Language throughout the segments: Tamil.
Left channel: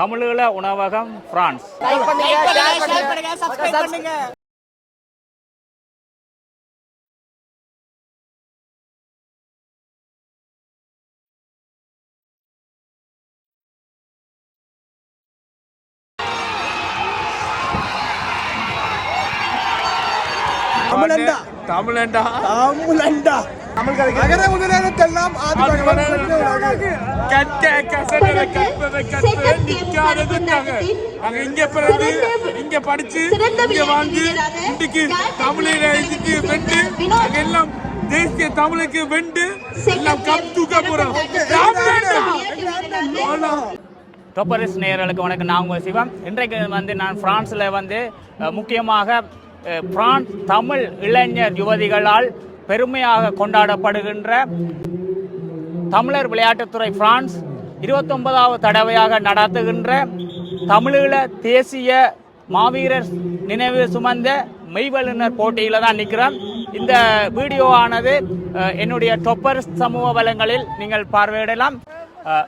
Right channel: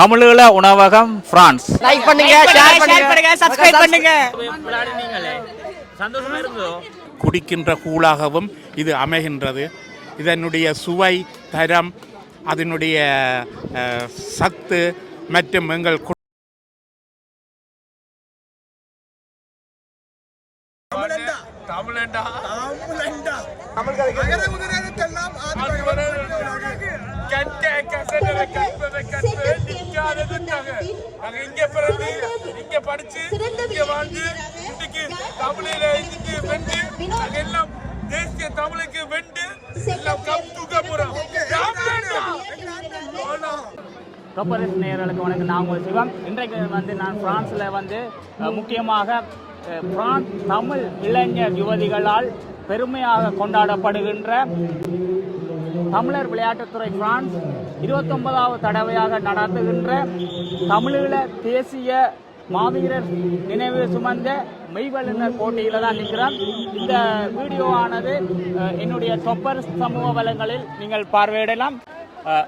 தமிழீழ உணவகம் பிரான்ஸ். லைக் பண்ணுங்க, ஷேர் பண்ணுங்க, சப்ஸ்கிரைப் பண்ணுங்க. சந்தோஷமா இருந்தோ. குடிக்கின்ற கூழாகவும் இது அமைகின்றது. இதனுடைய சுவை, தரம், அதனுடைய சத்து மற்றும் எங்கள் இங்க படிச்சு இங்க வாழ்ந்து இன்றைக்கு தமிழில வென்று எல்லாம் தேசிய தமிழுக்கு வென்று எல்லாம் கப் தூக்க போறோம். டொப்பரிஸ் நேயர்களுக்கு வணக்கம். நான் உங்கள் சிவம். இன்றைக்கு வந்து நான் பிரான்ஸில் வந்து முக்கியமாக பிரான்ஸ் தமிழ் இளைஞர் யுவதிகளால் பெருமையாக கொண்டாடப்படுகின்ற தமிழர் விளையாட்டுத்துறை பிரான்ஸ் 29வது தடவையாக நடத்துகின்ற தமிழீழ தேசிய மாவீரர் நினைவு சுமந்த மெய்வல்லுநர் போட்டியில் தான் நிற்கிறேன். இந்த வீடியோவானது என்னுடைய டொப்பரிஸ் சமூக வளங்களில் நீங்கள் பார்வையிடலாம்.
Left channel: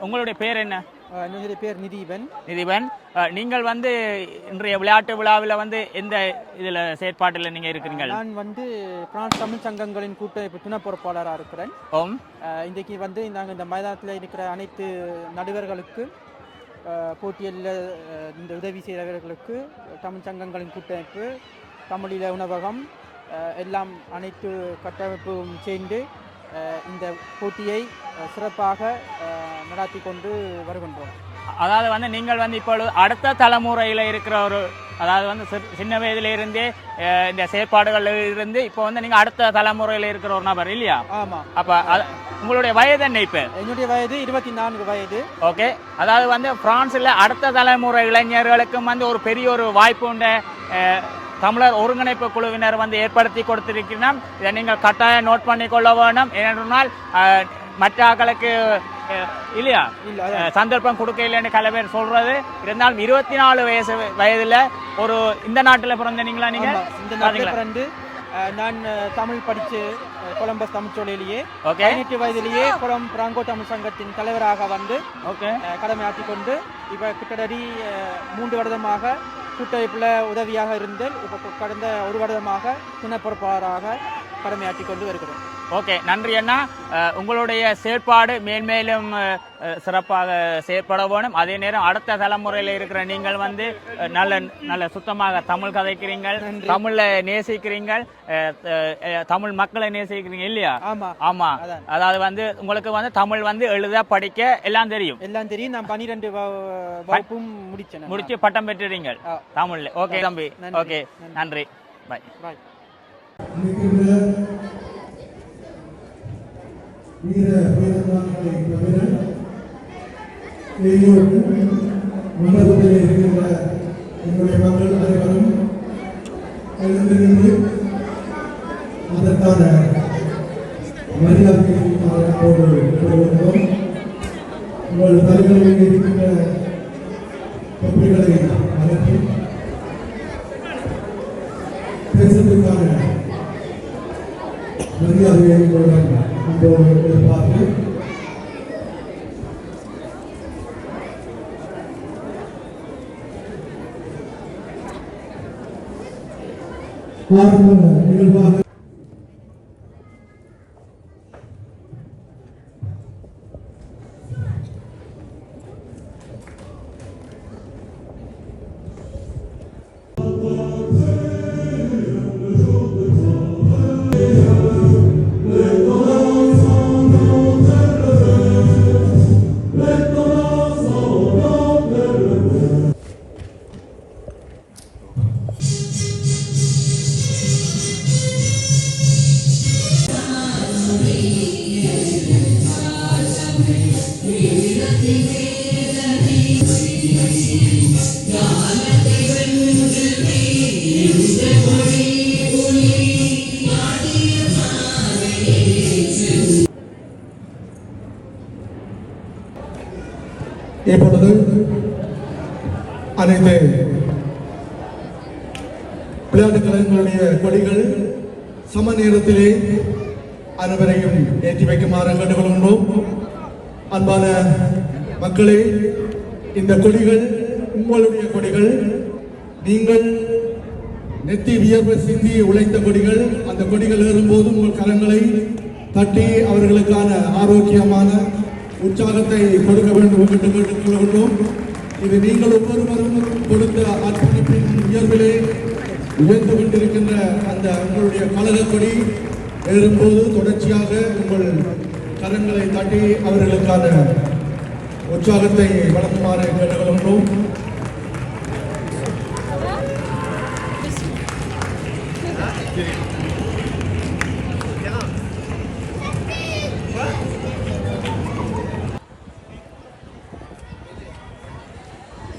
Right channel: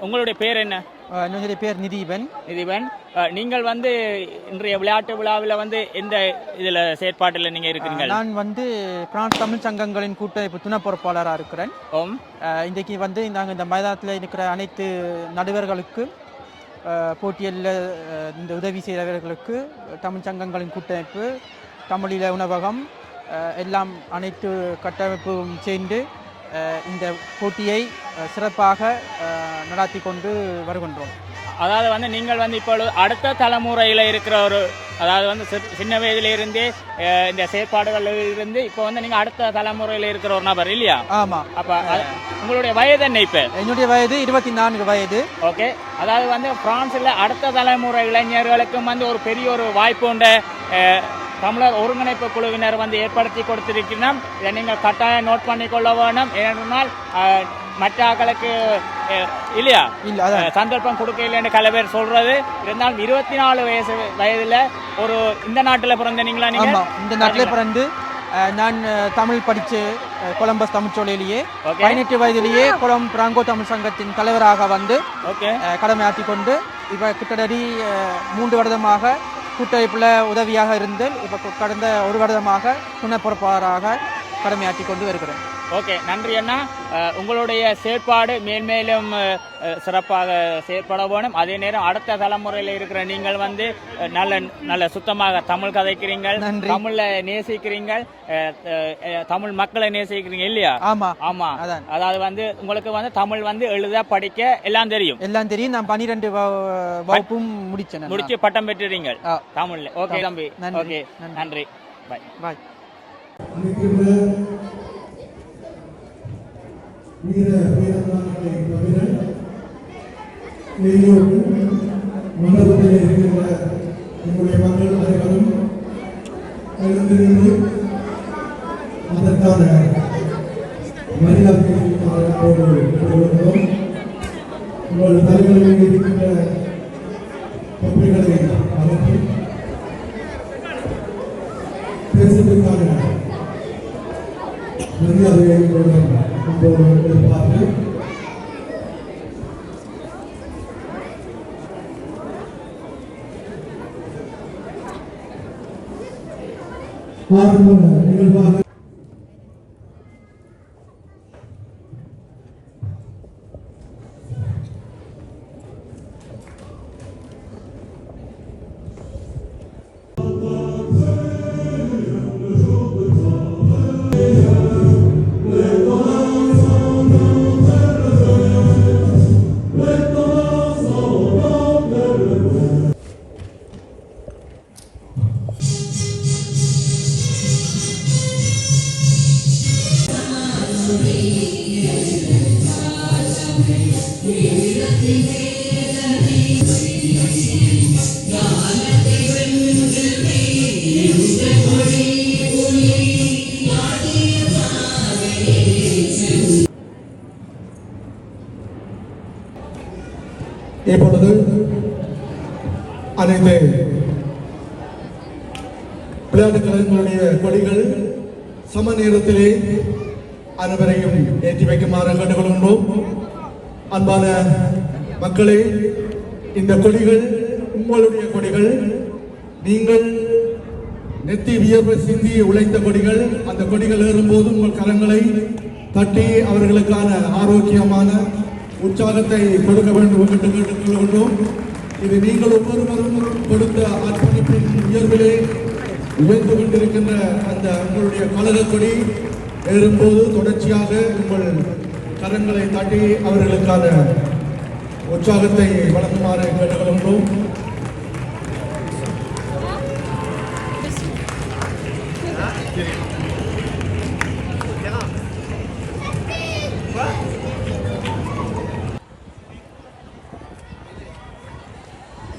உங்களுடைய பேர் என்ன? என்னுடைய பேர் நிதிபன். நீங்கள் வந்து இன்றைய விளையாட்டு விழாவில் வந்து எந்த இதில் செயற்பாட்டில் நீங்கள் இருக்கிறீங்க? நான் வந்து பிரான்ஸ் தமிழ் சங்கங்களின் கூட்டமைப்பு துணை பொறுப்பாளராக இருக்கிறேன். இன்றைக்கு வந்து நாங்கள் இந்த மைதானத்தில் இருக்கிற அனைத்து நடுவர்களுக்கு போட்டியில் இந்த உதவி செய்தவர்களுக்கு தமிழ் சங்கங்களின் கூட்டமைப்பு, தமிழீழ உணவகம் எல்லாம் அனைத்து கட்டமைப்பும் சேர்ந்து இந்த போட்டியை சிறப்பாக நடாத்தி கொண்டு வருகின்றோம். அதாவது வந்து நீங்கள் வந்து இப்போ அடுத்த தலைமுறையில் இருக்கிற ஒரு, அதாவது வந்து சின்ன வயதிலிருந்து இந்த செயற்பாடுகளில் இருந்து இப்போ வந்து நீங்கள் அடுத்த தலைமுறையில் இருக்கிற ஒரு நபர் இல்லையா? ஆமாம். அப்போ உங்களுடைய வயது என்ன? இப்போ என்னுடைய வயது 24 வயது. ஓகே. அதாவது வந்து பிரான்ஸில் அடுத்த தலைமுறை இளைஞர்களுக்கும் வந்து ஒரு பெரிய ஒரு வாய்ப்பு உண்டு. தமிழர் ஒருங்கிணைப்பு குழுவினர் வந்து ஏற்படுத்தி கொடுத்திருக்கிறோம். இதை நீங்கள் கட்டாயம் நோட் பண்ணி கொள்ள வேணும். ஏனென்றால் மற்ற ஆக்களுக்கு இல்லையா சந்தர்ப்பம் கொடுக்க இல்லைன்னு கல பேர் சொல்றது. இருந்தாலும் 24 வயதுல ஒரு இந்த நாட்டில் பிறந்த நீங்களா? நீங்க இந்த நாட்டில் பிறந்து நான் தமிழ் படித்து கொலம்பஸ் தமிழ்ச்சோலையிலேயே 18 வயதிலேயே பிராங்கோ தமிழ் சங்கத்தின் தலைவராக வந்து கடமையாற்றி கொண்டு இப்போ கிட்டத்தட்ட 3 வருடமாக கூட்டமைப்பில் உதவியாக இருந்து இப்போ கடந்த 1 வருடமாக துணை பொறுப்பாளராக கடமையாற்றி கொண்டு வருகிறேன். ஓகே, நன்றி அண்ணா. உங்களுடைய செயற்பாடு மேன்மேலும் சிறப்பாக செயற்பட வேணும். அதே நேரம் அடுத்த தலைமுறையில் இருக்கிற நீங்கள் வந்து நல்ல நல்ல சுத்தமாக தமிழ் கதைக்கிறீங்கள், தமிழை நேசிக்கிறீங்கள், தமிழ் மக்களை நேசிக்கிறீங்க இல்லையா? ஆமா ஆமா. அதாவது வந்து உங்களுக்கு வந்து தமிழ் வந்து எழுத படிக்க எல்லாம் தெரியும். நான் 12 வகுப்பும் முடிச்சு பட்டம் பெற்றுறீங்க தமிழ்ல. ஓகே தம்பி, ஓகே, நன்றி, பாய் பாய். வீர வீரமானங்களை தவிர மண்டபத்தில் இருக்கின்ற எங்களுடைய மக்கள் அனைவரும் எழுந்திருந்து அதற்கான மரியாதை உங்கள் தலைகளில் இருக்கின்ற தொப்பிகளை அகற்றி பேசுவதற்கான மரியாதையை எதிர்பார்த்து நிகழ்வாக இப்பொழுது அனைத்து விளையாட்டுக் கழகங்களுடைய கொடிகள் சம நேரத்திலே அனைவரையும் ஏற்றி வைக்குமாறு கேட்டுக்கொள்கின்றோம். அன்பான மக்களே, இந்த கொடிகள் உங்களுடைய கொடிகள். நீங்கள் நெத்தி வியர்வை சிந்தி உழைத்த கொடிகள். அந்த கொடிகள் ஏறும்போது உங்கள் கரங்களை தட்டி அவர்களுக்கான ஆரோக்கியமான உற்சாகத்தை கொடுக்க வேண்டும் என்று கேட்டுக்கொள்கின்றோம். இது நீங்கள் ஒவ்வொருவரும் கொடுத்த அர்ப்பணிப்பின் உயர்விலே உயர்ந்து கொண்டிருக்கின்ற அந்த உங்களுடைய கழக கொடி ஏறும்போது தொடர்ச்சியாக உங்கள் கரங்களை தட்டி அவர்களுக்கான உற்சாகத்தை வழங்குமாறு கேட்டுக்கொள்கின்றோம்.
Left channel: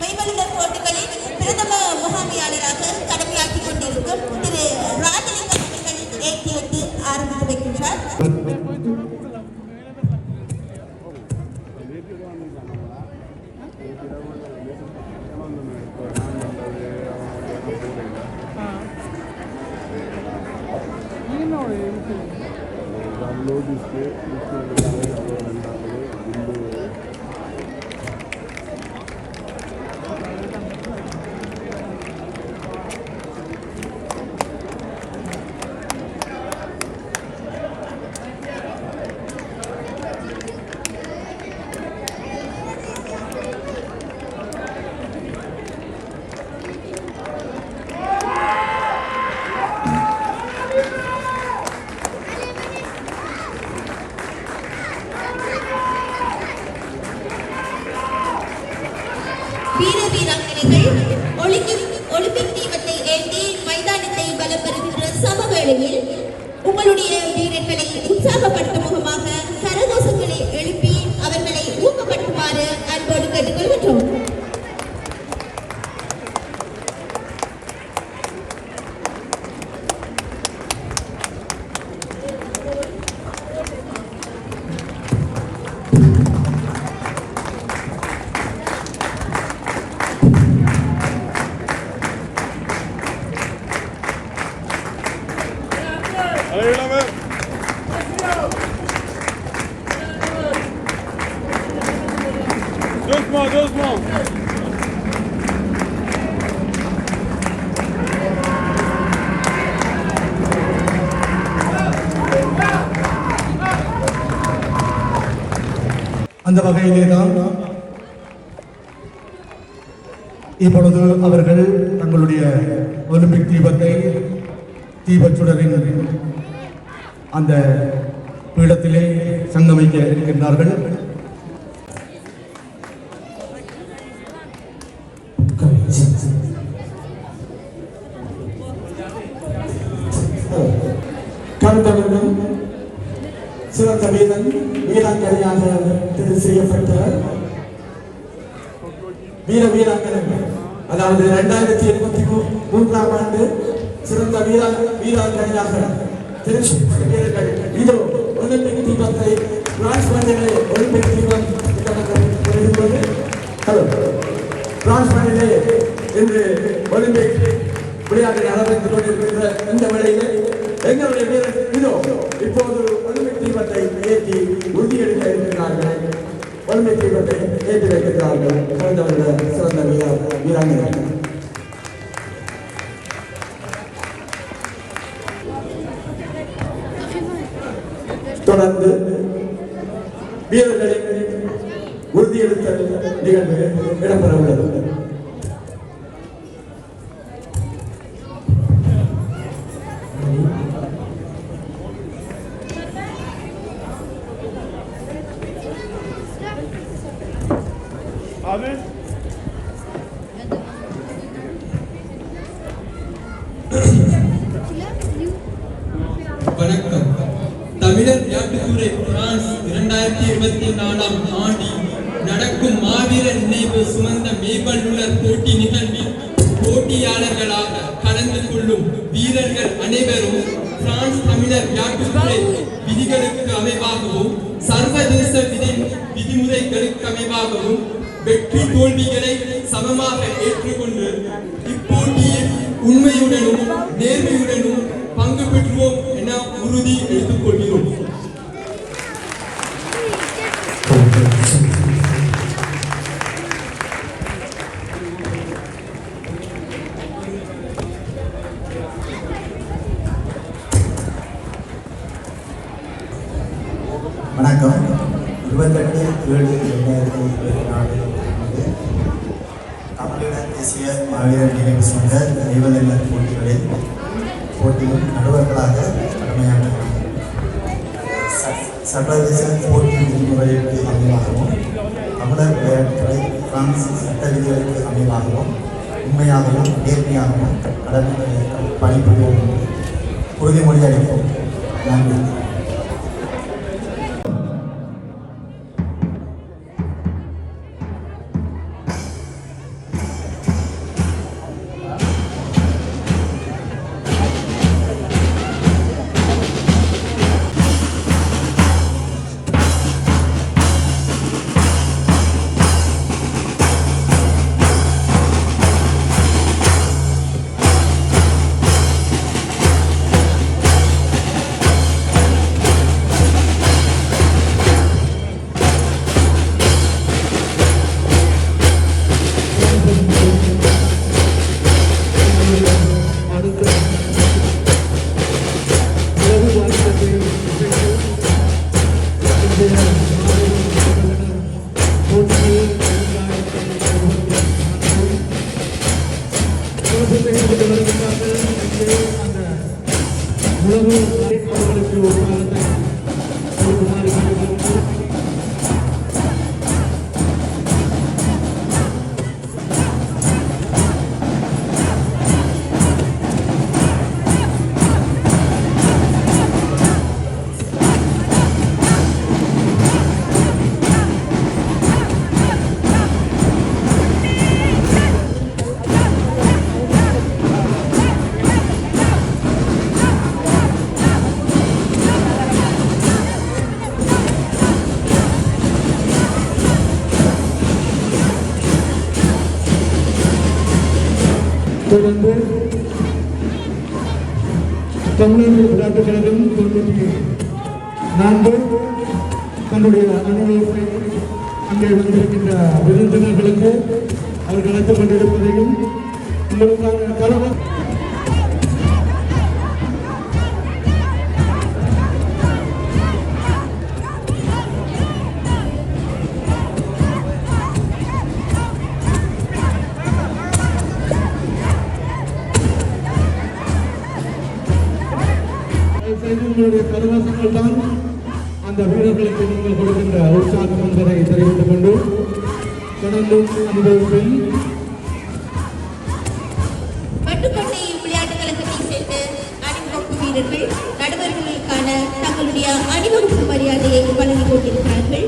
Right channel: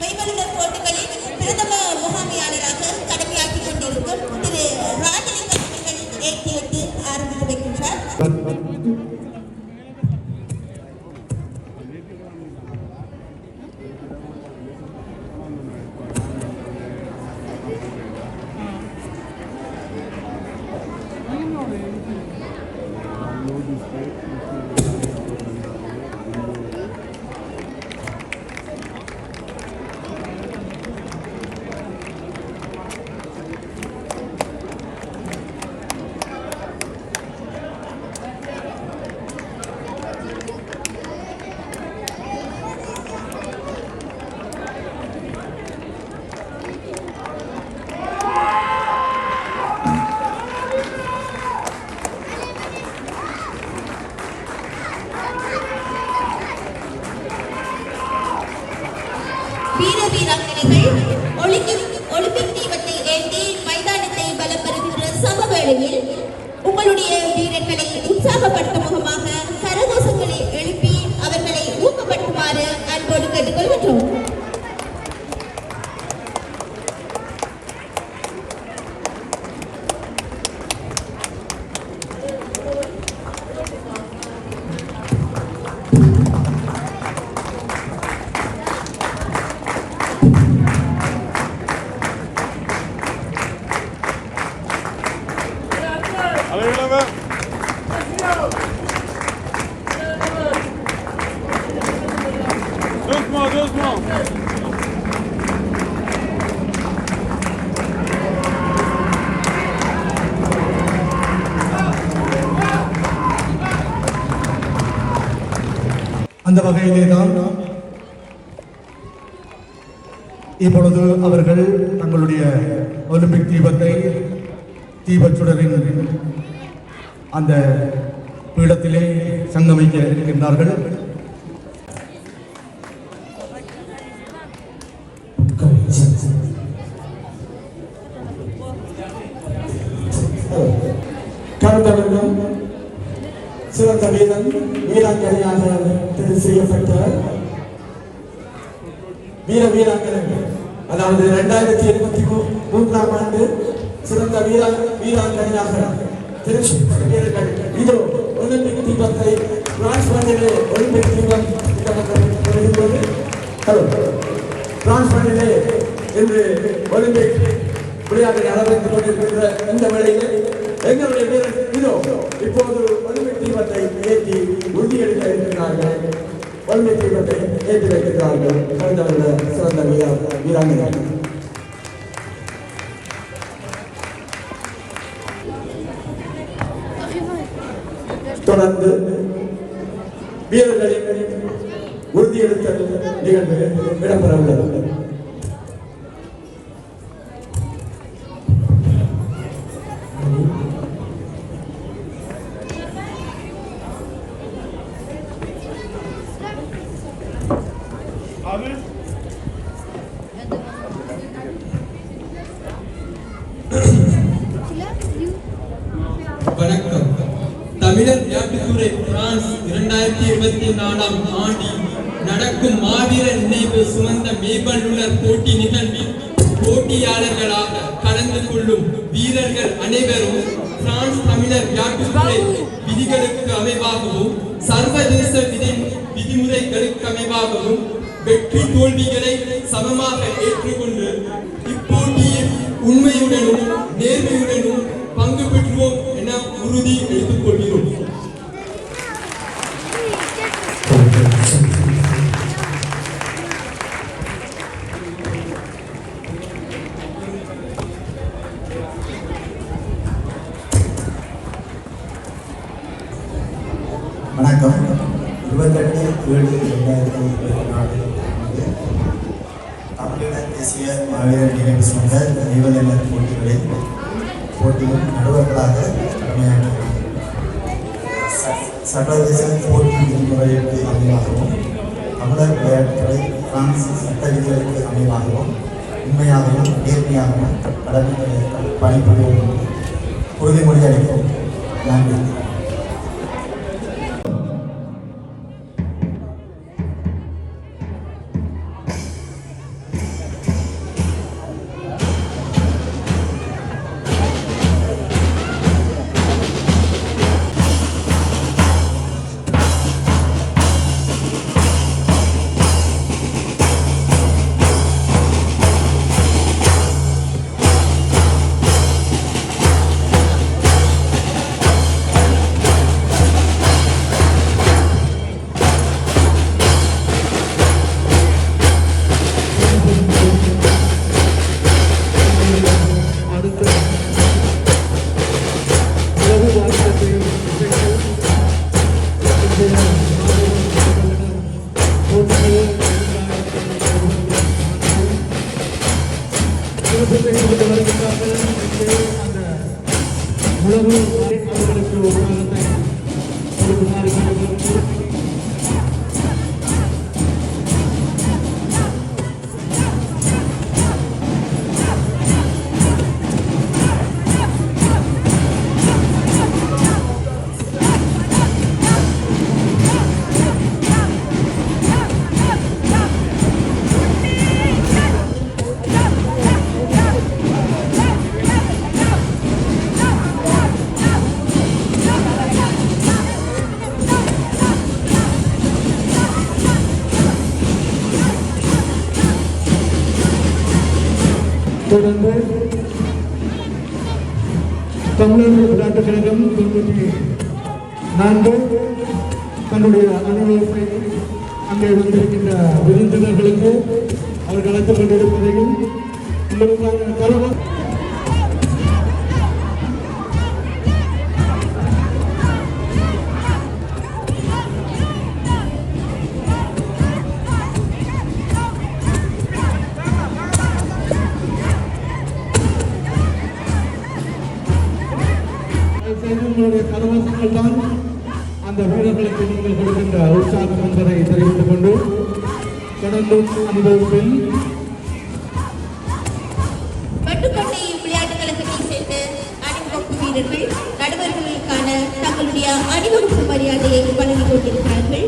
கைமலிதர் போட்டிகளில் பிரதம முகாமையாளராக கடமையாற்றிக் கொண்டிருக்கும் திரு ராஜலிங்கம் அவர்கள் ஏற்றிவிட்டு ஆரம்பித்து வைக்கின்றார். வீர வீராங்கனைகள் ஒலிம்பிக் தீபத்தை ஏந்தி மைதானத்தை பலம் பெறுகின்ற சமவேளையில் உங்களுடைய வீரர்களை உற்சாகப்படுத்தும் முகமாக கரகோஷங்களை எழுப்பி அவர்களை ஊக்கப்படுத்துமாறு அன்போடு கேட்டுக்கொள்கின்றோம். அந்த வகையிலே தான் இப்பொழுது அவர்கள் தங்களுடைய ஒலிம்பிக் தீபத்தை தீபச்சுடரின் அந்த பீடத்திலே சங்கமிக்க இருக்கின்றார்கள். கருத்தவர்களும் சிறந்த வீரன் வீராங்கனையாக தெரிவு செய்யப்பட்ட வீராங்கனைகள், அதாவது 2023ஆம் ஆண்டு சிறந்த வீராங்கனையாக தெரிவு செய்யப்பட்ட வீரர்கள் இதோ ஒலிம்பிக் தீபத்தை பிரான்ஸ் மண்ணிலே ஒலிம்பிக் தீபம் வருகிறது. பிரான்ஸ் மண்ணிலே இன்று ஒலிம்பிக் விளையாட்டை நடந்து கொண்டிருக்கின்ற இந்த வேளையிலே எங்களுடைய வீரர் இதோ இப்போது ஒலிம்பிக் தீபத்தை ஏற்றி உறுதியெடுக்க இருக்கிறார்கள். ஒலிம்பிக் தீபத்தை ஏற்றி வைக்கிறார்கள் சிறந்த வீராங்கனைகள். தொடர்ந்து வீரர்களின் உறுதியெடுத்தல் நிகழ்வு இடம்பெற உள்ளது. வணக்கம். தமிழர் விளையாட்டுத்துறை பிரான்ஸ் 2024ஆம் ஆண்டில் நடக்கும் மாவீரர் நினைவு சுமந்த மேம்பல்லுலர் போட்டி நிகழ்வில் போட்டியாளர்களாக கலந்து கொள்ளும் வீரர்கள் அனைவரும் பிரான்ஸ் தமிழர் விளையாட்டுத்துறை விதிகளுக்கு அமைவாகவும் சர்வதேச விதிமுறைகளுக்கு அமைவாகவும் வெற்றி தோல்விகளை சமமாக ஏற்றுக்கொண்டு இப்போட்டியில் உண்மையுடனும் நேர்மையுடனும் பங்கு பெற்றுவோம் என உறுதி எடுத்துக் கொள்கிறோம். வணக்கம். 28/7/2024 தமிழீழ தேசிய மாவீரர் நினைவு சொந்த தெய்வநெல்ல போட்டியில் நடுவர்களாக கடமையாற்றுகிறோம். சர்வதேச போட்டி விதிமுறைகளுக்கு அமைவாகவும் தமிழர் விளையாட்டுத்துறை பிரான்ஸ் சட்ட விதிகளுக்கு அமைவாகவும் உண்மையாகவும் நேர்மையாகவும் கடமைகளை பணிபுரிவோம் உறுதிமொழி அளிப்போம். நன்றி. தொடர்ந்து தமிழர் விளையாட்டுக் கழகம் 94 தன்னுடைய அனுபவத்தை அங்கே வந்திருக்கின்ற விருந்தினர்களுக்கு அவர்கள் அழைத்துக் கொண்டிருப்பதையும் உங்களுக்கான கலவரம் உங்களுடைய கரவாசங்கள் தான் அந்த வீரர்களுக்கு நீங்கள் கொடுக்கின்ற உற்சாகம் என்பதை தெரிவித்துக் கொண்டு தொடர்ந்து அனுபவத்தில் பட்டுக்கோட்டை விளையாட்டுக் கழகத்தை சேர்ந்த அணிவகுப்பு வீரர்கள் நடுவர்களுக்கான தங்களுடைய அணிவகுப்பு மரியாதையை வழங்கிக் கொண்டிருக்கிறார்கள்.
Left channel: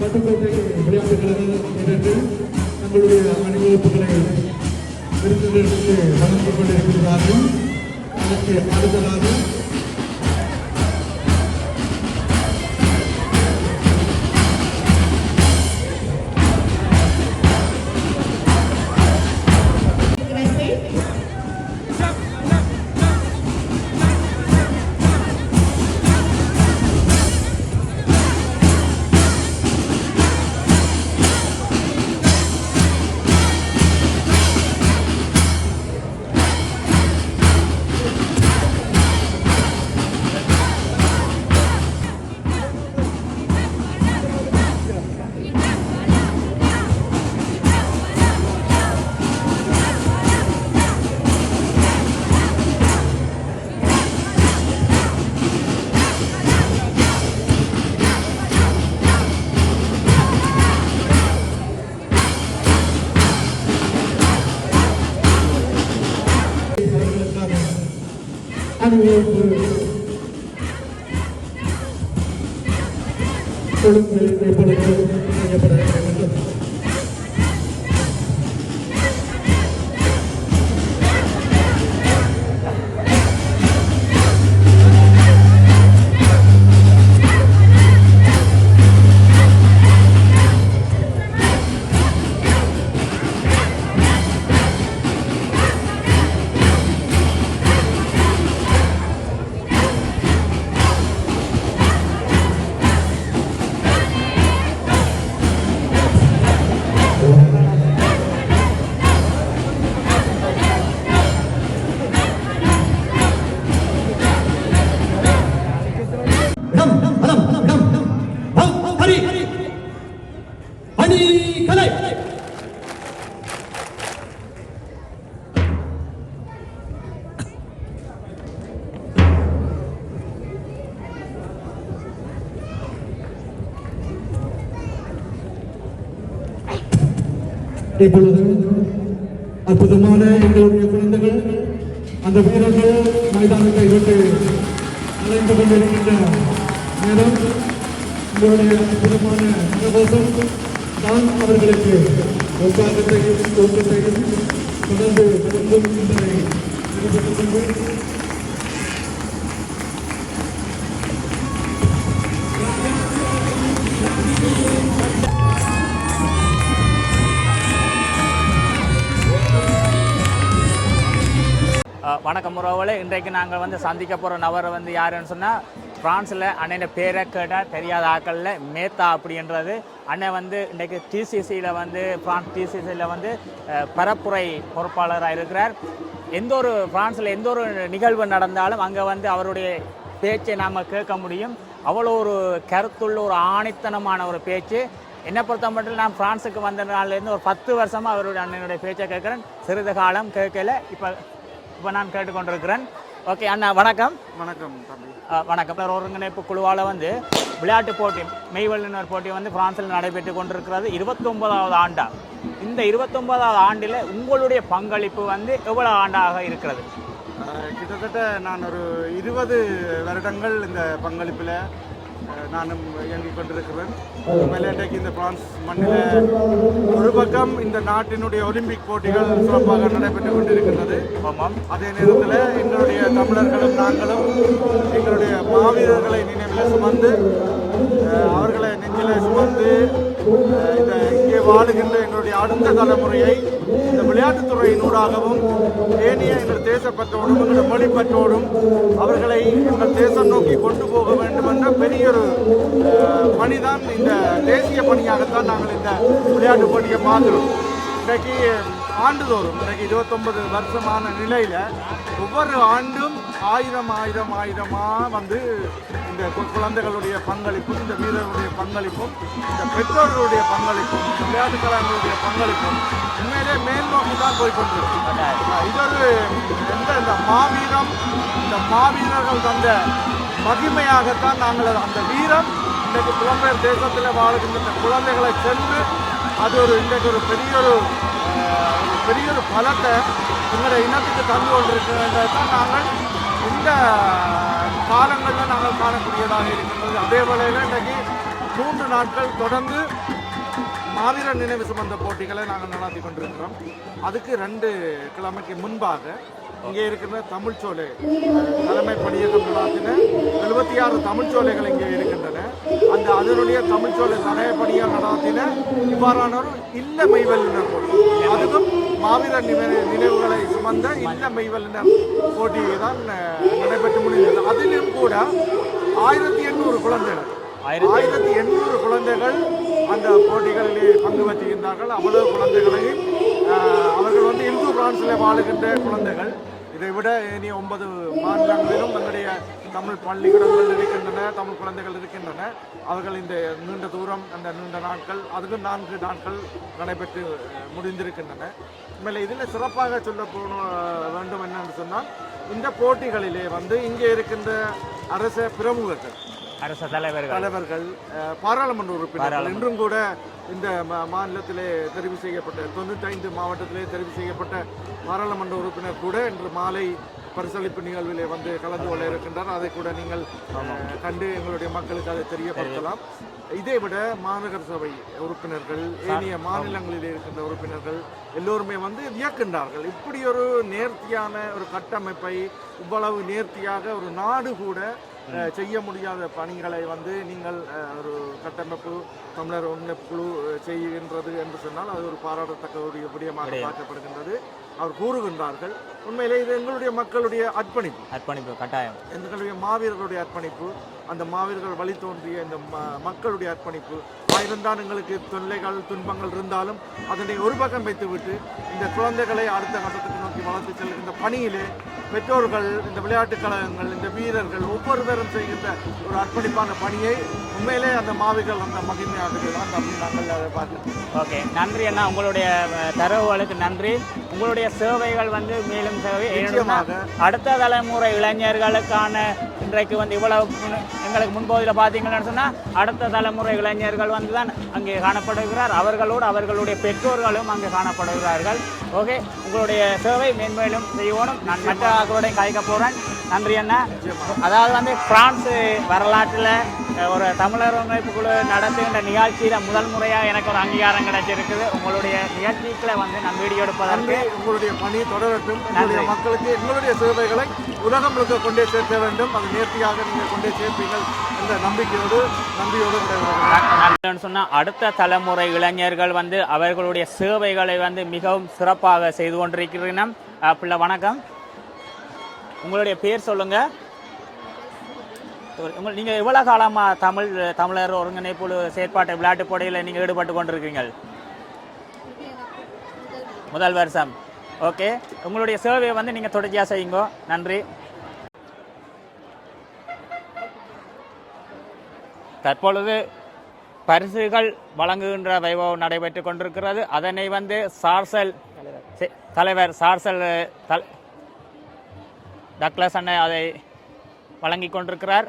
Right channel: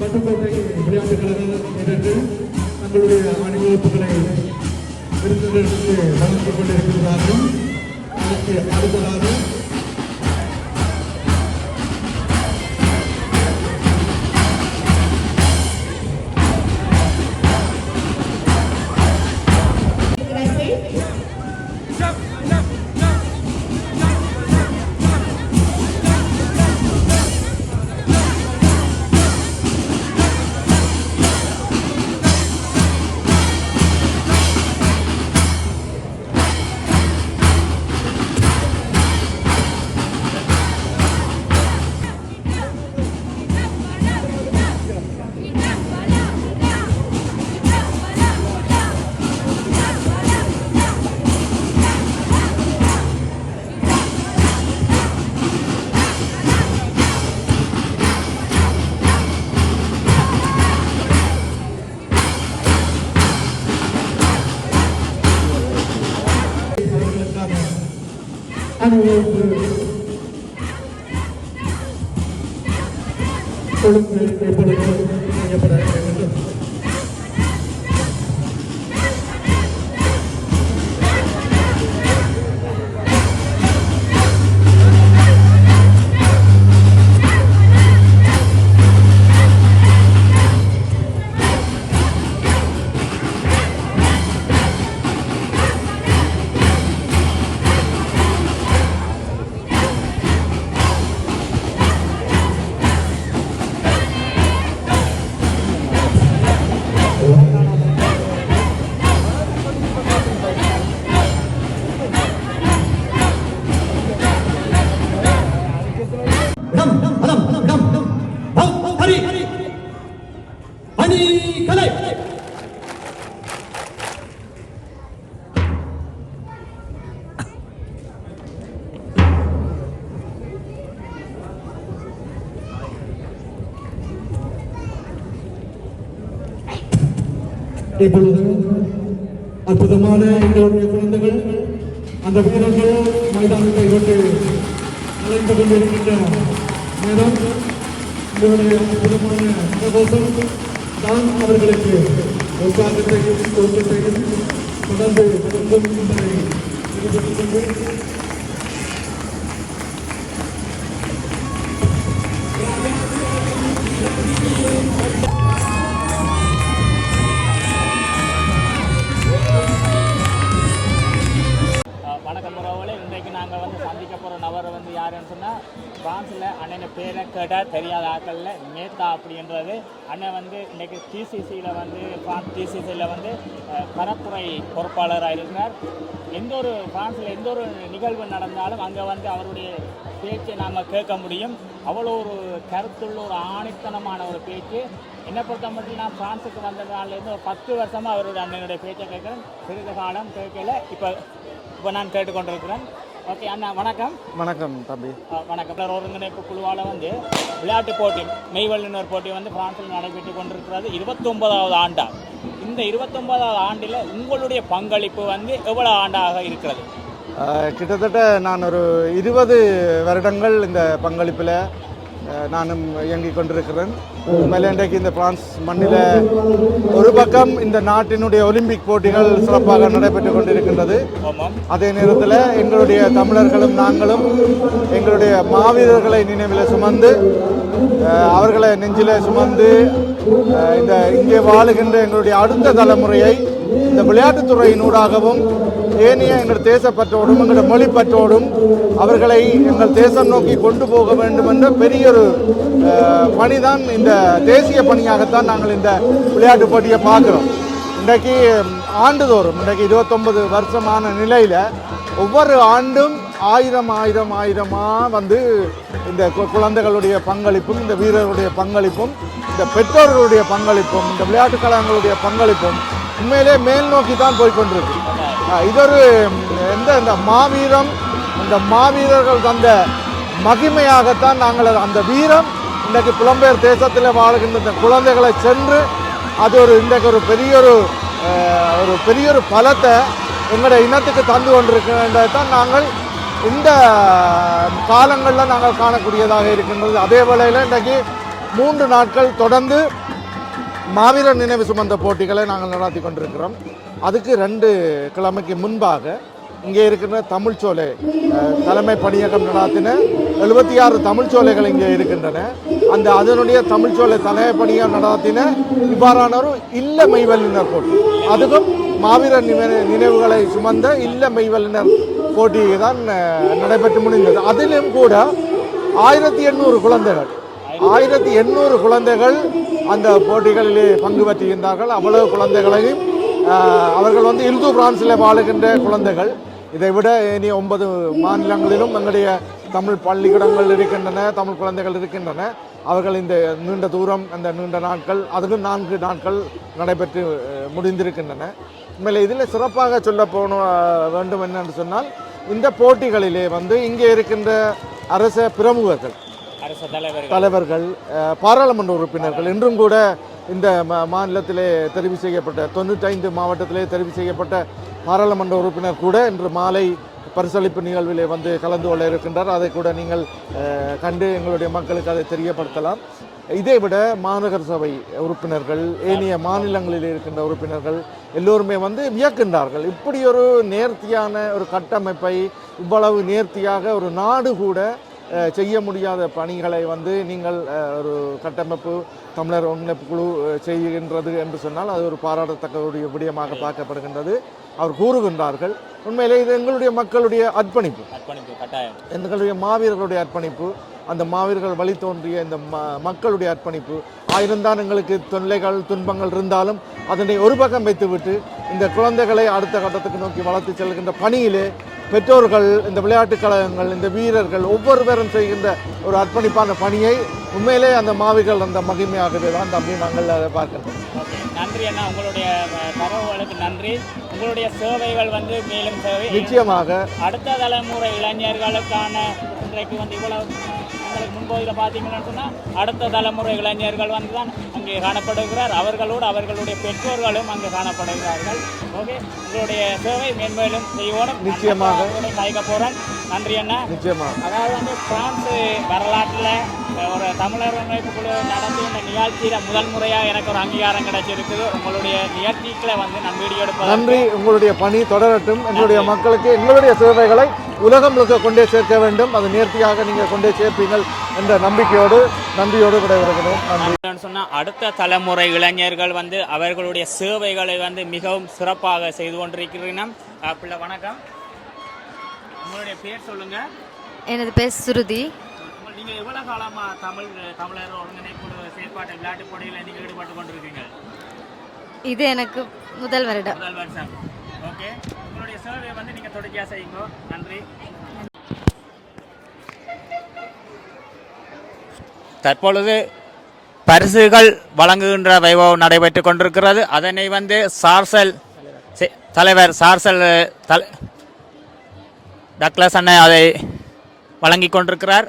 பட்டுக்கோட்டை விளையாட்டுக் கழக வீரர்கள் தங்களுடைய அணிவகுப்புகளை விருந்தினர்களுக்கு வழங்கிக் கொண்டிருக்கிறார்கள். அதற்கு அடுத்ததாக அணிவகுப்பு ஒழுங்கு எப்பொழுது செய்யப்பட வேண்டும். இப்பொழுது அற்புதமான எங்களுடைய குழந்தைகள் அந்த வீரர்கள் மைதானத்தை விட்டு அலைந்து கொண்டிருக்கின்ற நேரம் உங்களுடைய அற்புதமான முகவசம் தான் அவர்களுக்கு உற்சாகத்தையும் ஊக்கத்தையும் தொடர்ந்து கொடுக்கும் என்பதை தெரிவித்துக் கொண்டு வணக்கம் உறவுகளே, இன்றைக்கு நாங்கள் வந்து சந்திக்க போகிற நபர் வந்து யாருன்னு சொன்னால் பிரான்ஸில் அண்ணன் பேரை கேட்ட தெரியாத ஆக்களில் மேத்தா அப்படின்றது அண்ணன் வந்து இன்றைக்கு டிசிசியில் வந்து பிரான்ஸ் டிசிசியில் வந்து பரப்புரை பொறுப்பாளராக இருக்கிறார். பிரான்ஸில் எந்த ஒரு நிகழ்வு நடந்தாலும் அங்கே வந்து அவருடைய பேச்சை நாம் கேட்க முடியும். அவ்வளோ ஒரு கருத்துள்ள ஒரு ஆணித்தனமான ஒரு பேச்சு. என்னை பொறுத்த மட்டும் நான் பிரான்ஸுக்கு வந்த நாள்லேருந்து ஒரு 10 வருஷமாக அவருடைய அண்ணனுடைய பேச்சை கேட்குறேன். சிறிது காலம் கேட்கல, இப்போ நான் கேட்டுக்கொண்டிருக்கிறேன். ஓகே அண்ணா, வணக்கம். வணக்கம் தம்பி. வணக்கம். ஒருங்கிணைப்பு குழுவால் வந்து விளையாட்டு போட்டி மெய்வல்லுநர் போட்டி வந்து பிரான்ஸில் நடைபெற்று கொண்டிருக்கிறது. 29வது ஆண்டா. இந்த 29வது ஆண்டில் உங்களுடைய பங்களிப்பு வந்து எவ்வளோ ஆண்டாக இருக்கிறது? கிட்டத்தட்ட நான் ஒரு 20 வருடங்கள் இந்த பங்களிப்பில் நானும் இயங்கிக் கொண்டிருக்கிறேன். உண்மையில் இன்றைக்கு இந்த பிரான்ஸ் மண்ணில் ஒரு பக்கம் இந்த நாட்டினுடைய ஒலிம்பிக் போட்டிகள் சிறப்பாக நடைபெற்று கொண்டிருக்கின்றது. அதே நேரத்தில் எங்களுடைய தமிழர்களும் நாங்களும் எங்களுடைய மாவீரர்களை நினைவில் சுமந்து அவர்களை நெஞ்சில் சுமந்து இந்த இங்கே வாழுகின்ற எங்களுடைய அடுத்த தலைமுறையை இந்த விளையாட்டுத்துறையினூடாகவும் ஏனைய எங்கள் தேசப்பற்றோடும் எங்களுடைய மொழிப்பற்றோடும் அவர்களை எங்கள் தேசம் நோக்கி கொண்டு போக வேண்டும் என்ற பெரிய ஒரு பணிதான், இந்த தேசிய பணியாகத்தான் நாங்கள் இந்த விளையாட்டு போட்டியை பார்க்குறோம். இன்றைக்கு ஆண்டுதோறும் இன்றைக்கு 29 வருஷமான நிலையில் ஒவ்வொரு ஆண்டும் ஆயிரமாக வந்து இந்த குழந்தைகளுடைய பங்களிப்பும் இந்த வீரர்களுடைய பங்களிப்பும் இந்த பெற்றோர்களுடைய பங்களிப்பும் இந்த விளையாட்டுக் கழகங்களுடைய பங்களிப்பும் உண்மையிலே மேல் நோக்கி தான் போய்கொண்டிருக்கு. இதொரு இந்த மாவீரம், இந்த மாவீரர்கள் தந்த மகிமையாகத்தான் நாங்கள் அந்த வீரம் இன்றைக்கு புலம்பெயர் தேசத்தில் வாழ்கின்ற குழந்தைகளை சென்று அது இன்றைக்கு ஒரு பெரிய ஒரு பலத்தை எங்களுடைய இனத்துக்கு தந்து கொண்டிருக்கின்றதை தான் நாங்கள் இந்த காலங்களில் நாங்கள் காணக்கூடியதாக இருக்கின்றது. அதே வேளையில் இன்றைக்கு 3 நாட்கள் தொடர்ந்து மாவீரர் நினைவு சுமந்த போட்டிகளை நாங்கள் நடத்தி கொண்டிருக்கிறோம். அதுக்கு 2 கிழமைக்கு முன்பாக இங்கே இருக்கின்ற தமிழ்ச்சோலை தலைமை பணியகம் நடாத்தின 76 தமிழ்ச்சோலைகள் இங்கே இருக்கின்றன. அதனுடைய தமிழ்ச்சோலை தலைமை பணியகம் நடாத்தின இவ்வாறான ஒரு இல்ல மெய்வல்லுநர் போட்டி, அதுவும் மாவீரர் நினைவுகளை சுமந்த இல்ல மெய்வல்லுநர் போட்டி தான் நடைபெற்று முடிந்தது. அதிலும் கூட 1800 குழந்தைகள் அந்த போட்டிகளிலே பங்கு பெற்றுகின்றார்கள். அவ்வளவு குழந்தைகளையும் அவர்கள் வந்து இந்து பிரான்ஸில் வாழுகின்ற குழந்தைகள். இதை விட இனி 9 மாநிலங்களிலும் எங்களுடைய தமிழ் பள்ளிக்கூடங்கள் இருக்கின்றன, தமிழ் குழந்தைகள் இருக்கின்றன. அவர்கள் இந்த நீண்ட தூரம் அந்த நீண்ட நாட்கள் அதுவும் 4 நாட்கள் நடைபெற்று முடிந்திருக்கின்றன. உண்மையில் இதில் சிறப்பாக சொல்ல வேண்டும் என்னென்று சொன்னால், இந்த போட்டிகளிலே வந்து இங்கே இருக்கின்ற அரச பிரமுகர்கள், அரசு தலைவர்கள், பாராளுமன்ற உறுப்பினர்கள் இன்றும் கூட இந்த மாநிலத்திலே தெரிவு செய்யப்பட்ட 95 மாவட்டத்திலே தெரிவு செய்யப்பட்ட பாராளுமன்ற உறுப்பினர் கூட இன்று மாலை பரிசளிப்பு நிகழ்விலே வந்து கலந்து கொள்ள இருக்கின்றார். அதை கூட நீங்கள் கண்டு எங்களுடைய மக்களுக்கு அதை தெரியப்படுத்தலாம். இதைவிட மாநகர சபை உறுப்பினர்கள், ஏனைய மாநிலங்களில் இருக்கின்ற உறுப்பினர்கள் எல்லோருமே வந்து வியக்கின்றார்கள். இப்படி ஒரு நேர்த்தியான ஒரு கட்டமைப்பை, இவ்வளவு நேர்த்தியாக ஒரு நாடு கூட செய்ய முடியாத பணிகளை வந்து நீங்கள் ஒரு கட்டமைப்பு தமிழர் ஒருங்கிணைப்பு குழு செய்கின்றது என்று சொன்னால் அது ஒரு பாராட்டத்தக்க ஒரு விடயமாக பார்க்கப்படுகின்றது. அவர் கூறுகின்றார்கள். உண்மையிலே இது எங்களுடைய மக்களுடைய அர்ப்பணிப்பு கட்டாயம், எங்களுடைய மாவீரர்களுடைய அர்ப்பணிப்பு, அந்த மாவீரர்கள் வழி தோன்றிய இந்த மக்களுடைய அர்ப்பணிப்பு. ஆயிரம்தான் எங்களுக்கு தொல்லைகள் துன்பங்கள் இருந்தாலும் அதனை ஒரு பக்கம் வைத்துவிட்டு இந்த குழந்தைகளை அடுத்த கட்டத்துக்கு நோக்கி வளர்த்து செல்கின்ற பணியிலே பெற்றோர்கள், இந்த விளையாட்டுக் கழகங்கள், இந்த வீரர்கள் ஒவ்வொருவரும் செய்கின்ற ஒரு அர்ப்பணிப்பான பணியை உண்மையிலே அந்த மாவீரர்கள் அந்த மகிமையாகவே தான் தம்பி நாங்கள் அதை பார்க்கிறோம். ஓகே, நன்றி அண்ணா, உங்களுடைய தரவுகளுக்கு நன்றி. உங்களுடைய சேவைகள் வந்து மேலும் சேவை நிச்சயமாக. அடுத்த தலைமுறை இளைஞர்களுக்கான இன்றைக்கு வந்து இவ்வளவு எங்களுக்கு முன்பகுதியில் பார்த்தீங்கன்னு சொன்னால் அடுத்த தலைமுறை இளைஞர்கள் வந்து தான் அங்கே காணப்படுகிறார். அவர்களோடு அவர்களுடைய பெற்றோர்களும் அங்கே காணப்படுகிறார்கள். ஓகே, உங்களுடைய சேவை மேன்மேலும் செய்யணும். அவர்களுடைய கலைக்க போகிறேன். நன்றி அண்ணா. அதாவது வந்து பிரான்ஸ் வரலாற்றில் ஒரு தமிழர் ஒருங்கிணைப்பு குழு நடத்துகின்ற நிகழ்ச்சியில் முதல் முறையாக எனக்கு ஒரு அங்கீகாரம் கிடைச்சிருக்குது. உங்களுடைய நிகழ்ச்சிகளை வந்து நான் வீடியோ எடுப்பது நன்றி. உங்களுடைய பணி தொடரட்டும். உங்களுடைய மக்களுக்கு எங்களுடைய சேவைகளை உலகம் முழுக்க கொண்டே சேர்க்க வேண்டும். அது நேர்த்தியாக நீங்கள் கொண்டே சேர்ப்பீர்கள் என்ற நன்றியோடு கிடையாது சொன்னால் அடுத்த தலைமுறை இளைஞர்கள் வந்து அவர்களுடைய சேவைகளை வந்து மிகவும் சிறப்பாக செய்து கொண்டிருக்கிறோம். பிள்ளை வணக்கம், உங்களுடைய பேர் சொல்லுங்க. எனது பேர் சுருதி. நீங்கள் எவ்வளோ காலமாக தமிழர் ஒருங்கிணைப்பு செயற்பாட்டு விளையாட்டு போட்டியில் நீங்கள் ஈடுபட்டு கொண்டிருக்கீங்க? இது எனக்கு முதல் வருஷம். ஓகே, உங்களுடைய சேவையை வந்து நீங்கள் தொடர்ச்சியாக செய்யுங்க. நன்றி. தற்பொழுது பரிசுகள் வழங்குகின்ற வைபவம் நடைபெற்று கொண்டிருக்கிறது. அதனை வந்து தலைவர் சார்சல் டக்ளஸ் அண்ணன் அதை வழங்கி கொண்டிருக்கிறார்.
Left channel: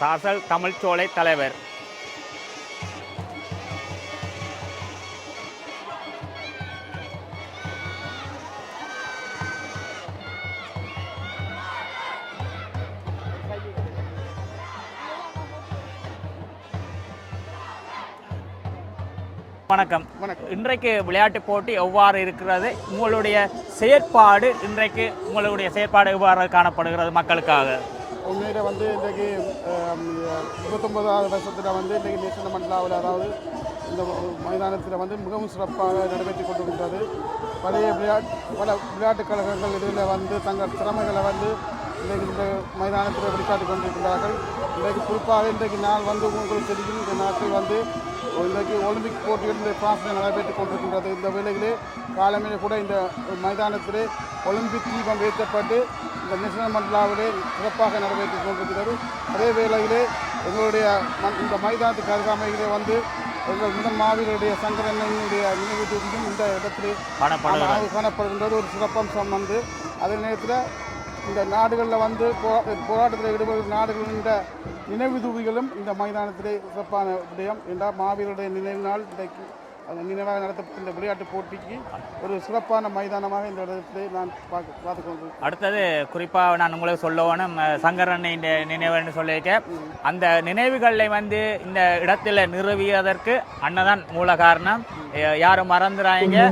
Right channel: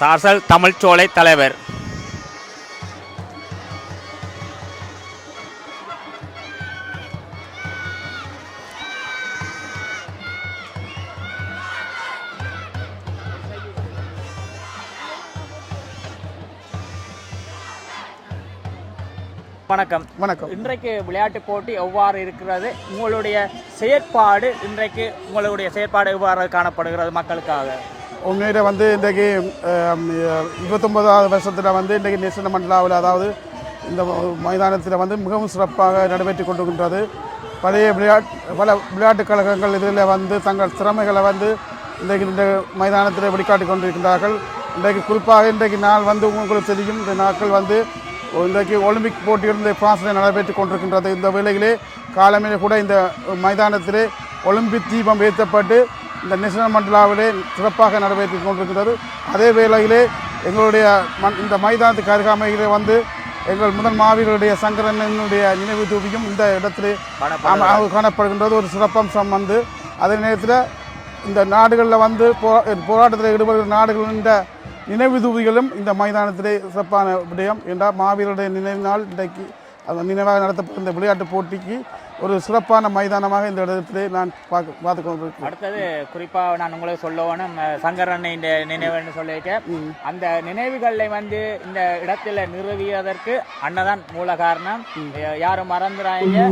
சார்சல் தமிழ்ச்சோலை தலைவர். வணக்கம். இன்றைக்கு விளையாட்டு போட்டி எவ்வாறு இருக்கிறது? உங்களுடைய செயற்பாடு எவ்வாறு காணப்படுகிறது மக்களுக்காக? உண்மையில வந்து இன்றைக்கு 29வது வருஷத்தில் வந்து இன்றைக்கு நேஷனல் மண்டலாவில், அதாவது இந்த மைதானத்தில் வந்து மிகவும் சிறப்பாக நடைபெற்று கொண்டிருக்கின்றது. பல விளையாட்டுக் கழகங்கள் இதில் வந்து தங்கள் திறமைகளை வந்து இன்றைக்கு இந்த மைதானத்தில் வெளிக்காட்டி கொண்டிருக்கின்றார்கள். இன்றைக்கு குறிப்பாக இன்றைக்கு நாள் வந்து உங்களுக்கு தெரியும், இந்த நாட்கள் வந்து இன்றைக்கு ஒலிம்பிக் போட்டிகள் இந்த பிரான்சில் நடைபெற்றுக் கொண்டிருக்கின்றது. இந்த வேளையிலே காலமே கூட இந்த மைதானத்திலே ஒலிம்பிக் தீபம் ஏற்றப்பட்டு இந்த நேஷனல் மண்டலாவிலே சிறப்பாக நடைபெற்றுக் கொண்டிருக்கிறது. அதே வேளையிலே எங்களுடைய இந்த மைதானத்துக்கு அருகாமையிலே வந்து எங்கள் முதல் மாவீரருடைய சங்கரனுடைய நினைவு தூபியும் இந்த இடத்திலே காணப்படுகின்றது. ஒரு சிறப்பம்சம் வந்து அதே நேரத்தில் இந்த நாடுகளில் வந்து போராட்டத்தில் ஈடுபடுகிற நாடுகளின் நினைவு தூவிகளும் இந்த மைதானத்திலே சிறப்பான விடயம் என்றால் மாவீரருடைய நினைவு நாள் இன்றைக்கு நினைவாக நடத்தப்பட்ட இந்த விளையாட்டு போட்டிக்கு ஒரு சிறப்பான மைதானமாக இந்த இடத்திலே நான் பார்த்து கொண்டிருக்கேன். அடுத்தது குறிப்பாக நான் உங்களுக்கு சொல்லணும், சங்கர் அண்ணன் நினைவுன்னு சொல்லியிருக்கேன். அந்த நினைவுகளை வந்து இந்த இடத்துல நிறுவியதற்கு அண்ணதான் மூல காரணம். யாரும் மறந்துறாங்க,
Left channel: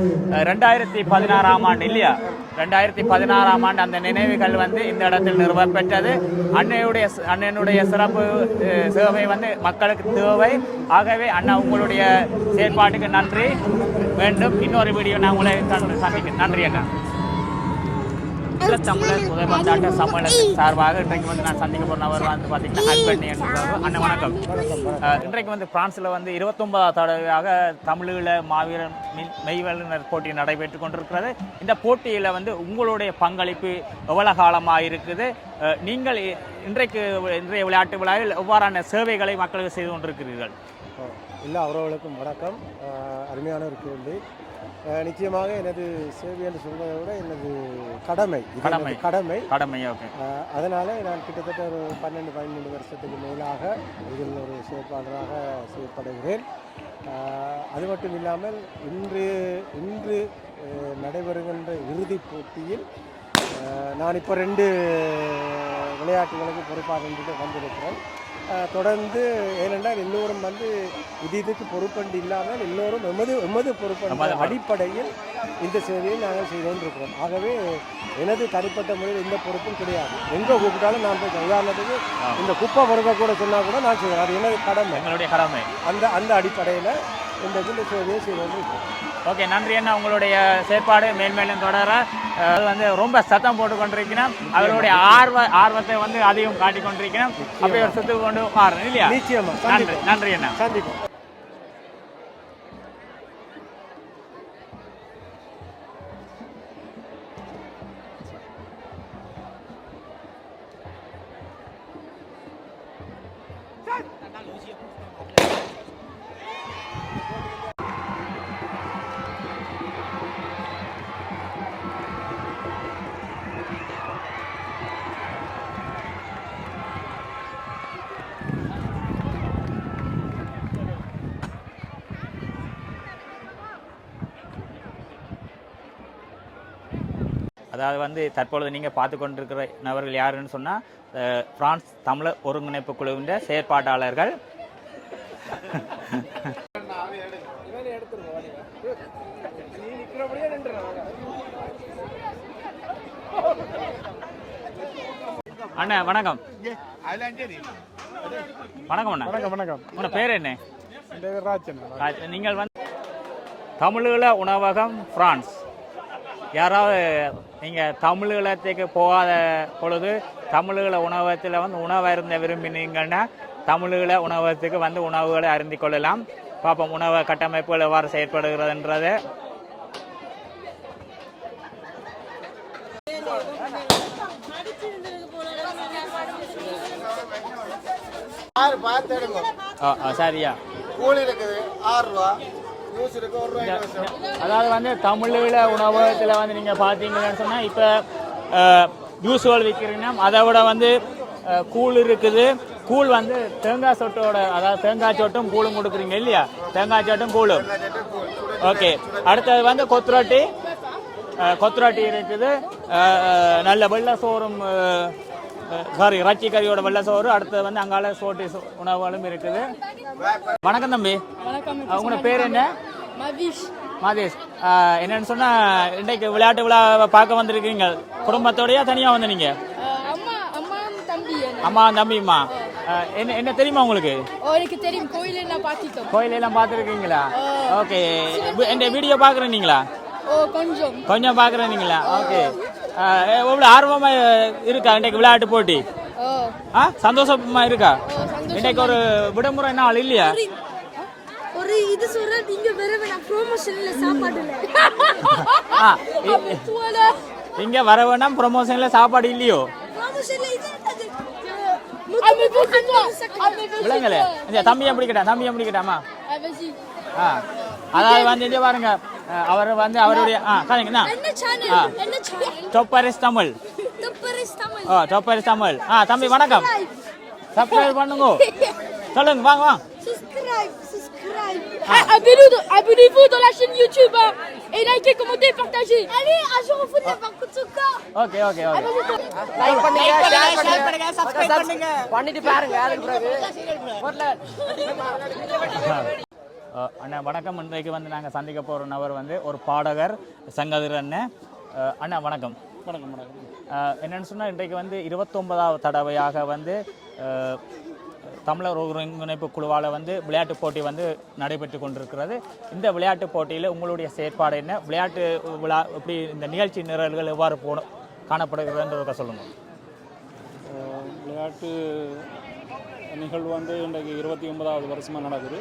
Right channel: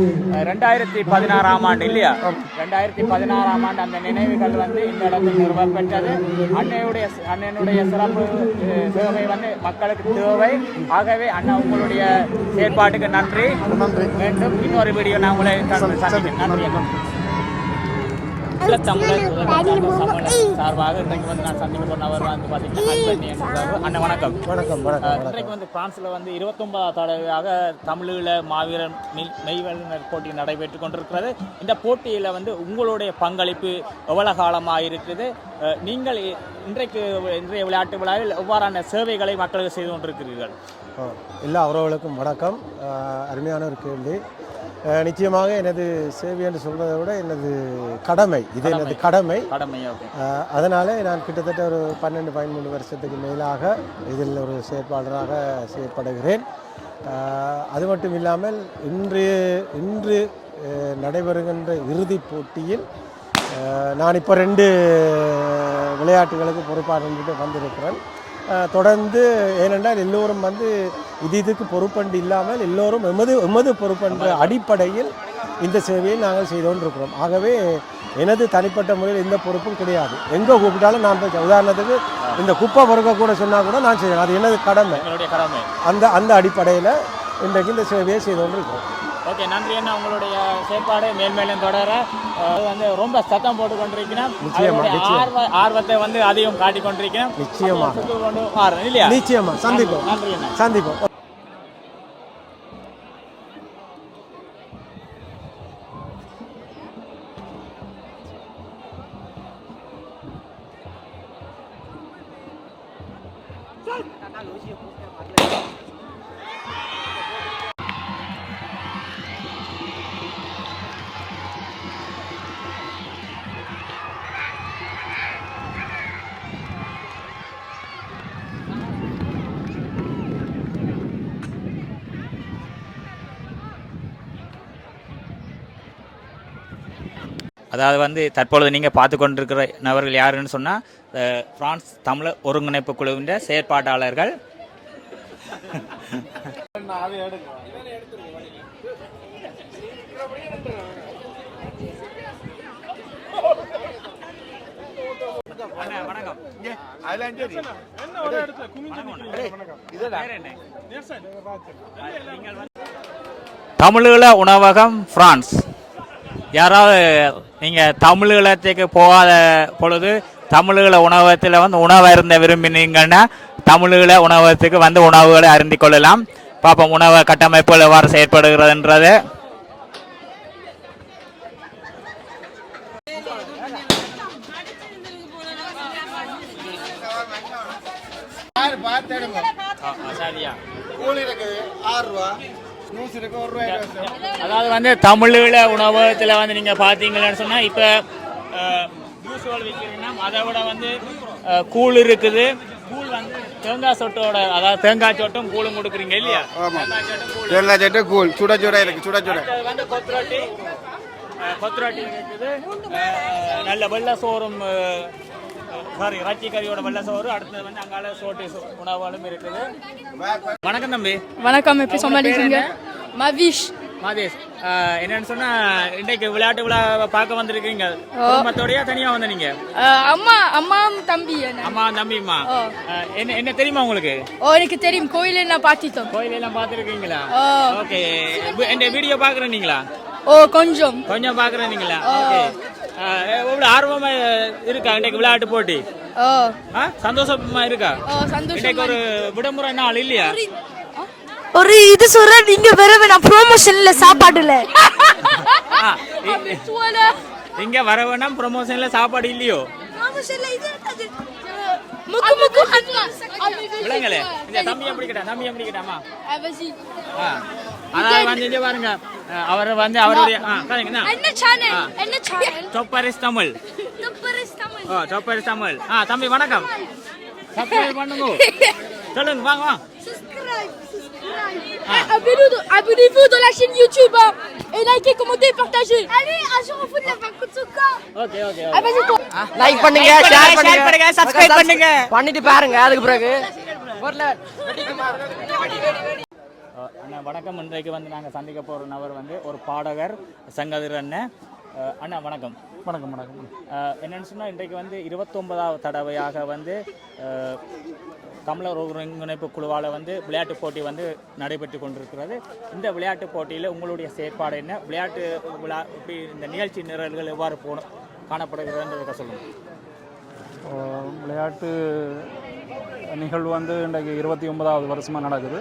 2016ஆம் ஆண்டு இல்லையா, 2016ஆம் ஆண்டு அந்த நினைவுகள் வந்து இந்த இடத்தில் நிறுவப்பெற்றது. அண்ணனுடைய சிறப்பு சேவை வந்து மக்களுக்கு தேவை. ஆகவே அண்ணா உங்களுடைய செயற்பாட்டுக்கு நன்றி வேண்டும். இன்னொரு வீடியோ நான் உங்களை சந்திக்கிறேன். நன்றி அண்ணா. தமிழர் சார்பாக இன்றைக்கு வந்து நான் சந்திக்க போனவர் வந்து பார்த்தீங்கன்னா அண்ணா வணக்கம். இன்றைக்கு வந்து பிரான்ஸில் வந்து 29வது தடவையாக தமிழீழ மாவீரர் மெய்வல்லுநர் போட்டி நடைபெற்று கொண்டிருக்கிறது. இந்த போட்டியில் வந்து உங்களுடைய பங்களிப்பு எவ்வளவு காலமாக இருக்குது? நீங்கள் இன்றைய விளையாட்டு விழாவில் எவ்வாறான சேவைகளை மக்களுக்கு செய்து கொண்டிருக்கிறீர்கள்? எல்லா உறவுகளுக்கும் வணக்கம். அருமையான ஒரு கேள்வி. நிச்சயமாக எனது சேவை என்று சொல்வதை விட எனது கடமை, இது எனது கடமை. அதனால நான் கிட்டத்தட்ட ஒரு 12-13 வருஷத்துக்கு மேலாக இதில் ஒரு செயற்பாளராக செயற்படுகிறேன். அது மட்டும் இல்லாமல் இன்று நடைபெறுகின்ற இறுதிப் போட்டியில் நான் இப்போ 2 விளையாட்டுகளுக்கு பொறுப்பாக வந்திருக்கிறேன். தொடர்ந்து ஏனென்றால் எல்லோரும் வந்து இதுக்கு பொறுப்பண்டு இல்லாமல் எல்லோரும் எமது பொறுப்பென்ற அடிப்படையில் இந்த சேவையை நாங்கள் செய்து கொண்டிருக்கிறோம். ஆகவே எனது தனிப்பட்ட முறையில் எந்த பொறுப்பும் கிடையாது. எங்கே கூப்பிட்டாலும் நான் போய், உதாரணத்துக்கு இந்த குப்பை பொறுக்க கூட சொன்னால் கூட நான் செய்வேன். அது எனது கடமை. அந்த அடிப்படையில் இன்றைக்கு இந்த சேவையை செய்து கொண்டிருக்கிறோம். ஓகே, நன்றி அண்ணா. உங்களுடைய செயற்பாடு மேல்மேலும் தொடர வந்து ரொம்ப சத்தம் போட்டு கொண்டிருக்கணும். அவருடைய ஆர்வத்தை வந்து அதிகம் காட்டி கொண்டிருக்கணும். சுத்து கொண்டு மாறணும் இல்லையா? நிச்சயமா. நன்றி அண்ணா. சந்திப்போம். அதாவது வந்து தற்பொழுது நீங்கள் பார்த்து கொண்டிருக்கிற நபர்கள் யாருன்னு சொன்னால் பிரான்ஸ் தமிழர் ஒருங்கிணைப்பு குழுவின் செயற்பாட்டாளர்கள். அண்ணா வணக்கம். வணக்கம் அண்ணா. வணக்கம். உங்க பேர் என்ன? நீங்கள் வந்து தமிழீழ உணவகம் பிரான்ஸ். யாராவது நீங்கள் தமிழீழத்துக்கு போகாத பொழுது தமிழீழ உணவகத்தில் வந்து உணவு அருந்த விரும்பினீங்கன்னா தமிழீழ உணவகத்துக்கு வந்து உணவுகளை அருந்திக் கொள்ளலாம். பார்ப்போம் உணவு கட்டமைப்புகள் எவ்வாறு செயற்படுகிறதுன்றது. சரியா அதாவது வந்து தமிழீழ உணவகத்தில் வந்து நீங்கள் பார்த்தீங்கன்னு சொன்னால் இப்போ யூஸ்வல் விற்கிறீங்கன்னா அதை விட வந்து கூழ் இருக்குது. கூழ் வந்து தேங்காய் சொட்டோட, அதாவது தேங்காய் சொட்டும் கூழும் கொடுக்குறீங்க இல்லையா? தேங்காய் சொட்டும் கூழ். அடுத்தது வந்து கொத்துரொட்டி இருக்குது. நல்ல வெள்ளை சோறும் சாரி இறைச்சி கறியோட வெள்ளை சோறு. அடுத்தது வந்து அங்கால சோட்டி உணவுகளும் இருக்குது. வணக்கம் தம்பி. வணக்கம். எப்படி சொன்னீங்க? மவிஷ். மகேஷ், என்னன்னு சொன்னா இன்றைக்கு விளையாட்டு விழா பார்க்க வந்திருக்கீங்க. குடும்பத்தோடய தனியா வந்து நீங்க? அம்மா தம்பிம்மா. என்ன தெரியுமா உங்களுக்கு? எனக்கு தெரியும். கோயிலெல்லாம் பார்த்துட்டோம். கோயிலெல்லாம் பார்த்துருக்கீங்களா? ஓகே. இந்த வீடியோ பார்க்குறீங்களா? கொஞ்சம் பார்க்குறீங்களா? ஓகே. எவ்வளவு ஆர்வமா இருக்கா இன்றைக்கு விளையாட்டு போட்டி? சந்தோஷமா இருக்கா? இன்றைக்கு ஒரு விடுமுறை நாள் இல்லையா? ஒரு இது சொல்ற நீங்க வரவே நான் ப்ரோமோஷன்ல சாப்பாடுல இங்க வர வேணாம். ப்ரோமோஷன்ல சாப்பாடு இல்லையோ? விளங்கல. இந்த தம்பியை பிடிக்கட்டாமா? அதாவது வந்து பாருங்க, அவர் வந்து அவருடைய டொப்பரிஸ் தமிழ். தம்பி வணக்கம். சப்ஸ்கிரைப் பண்ணுங்க. சொல்லுங்க, வாங்க. Abonnez-vous dans la chaîne YouTube et likez, commentez, partagez. Allez, un jour on fout de la Bakutuka. Okay. Like பண்ணுங்க, ஷேர் பண்ணுங்க, சப்ஸ்கிரைப் பண்ணுங்க. பண்ணிட்டு பாருங்க அதுக்கு பிறகு. அண்ணா வணக்கம். இன்றைக்கு வந்து நாங்கள் சந்திக்க போகிற நபர் வந்து ஒரு பாடகர் சங்கதிர் அண்ணன். அண்ணா வணக்கம். என்னென்னு சொன்னால் இன்றைக்கு வந்து 29வது தடவையாக வந்து தமிழர் ஒருங்கிணைப்பு குழுவால் வந்து விளையாட்டு போட்டி வந்து நடைபெற்று கொண்டிருக்கிறது. இந்த விளையாட்டு போட்டியில் உங்களுடைய செயற்பாடு என்ன? விளையாட்டு விழா எப்படி, இந்த நிகழ்ச்சி நிரல்கள் எவ்வாறு காணப்படுகிறதுன்றத சொல்லுங்கள். விளையாட்டு நிகழ்வு வந்து இன்றைக்கு 29வது வருஷமாக நடக்குது.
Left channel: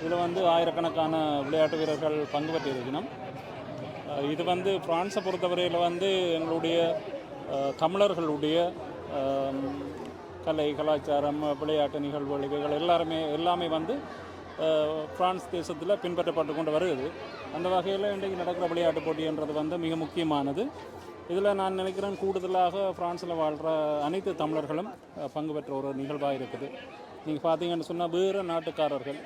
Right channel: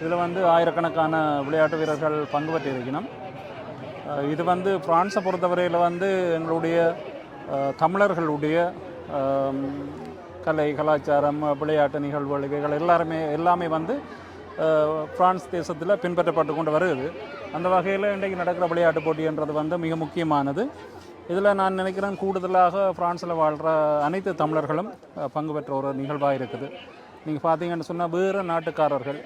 இதில் வந்து ஆயிரக்கணக்கான விளையாட்டு வீரர்கள் பங்கு பெற்று இருக்கணும். இது வந்து பிரான்ஸை பொறுத்தவரையில் வந்து எங்களுடைய தமிழர்களுடைய கலை கலாச்சாரம் விளையாட்டு நிகழ்வுகள் இவைகள் எல்லாமே வந்து பிரான்ஸ் தேசத்தில் பின்பற்றப்பட்டு கொண்டு வருகிறது. அந்த வகையில் இன்றைக்கு நடக்கிற விளையாட்டு போட்டின்றது வந்து மிக முக்கியமானது. இதில் நான் நினைக்கிறேன் கூடுதலாக பிரான்ஸில் வாழ்கிற அனைத்து தமிழர்களும் பங்கு பெற்ற ஒரு நிகழ்வாக இருக்குது. நீங்கள் பார்த்தீங்கன்னு சொன்னால் வேறு நாட்டுக்காரர்கள்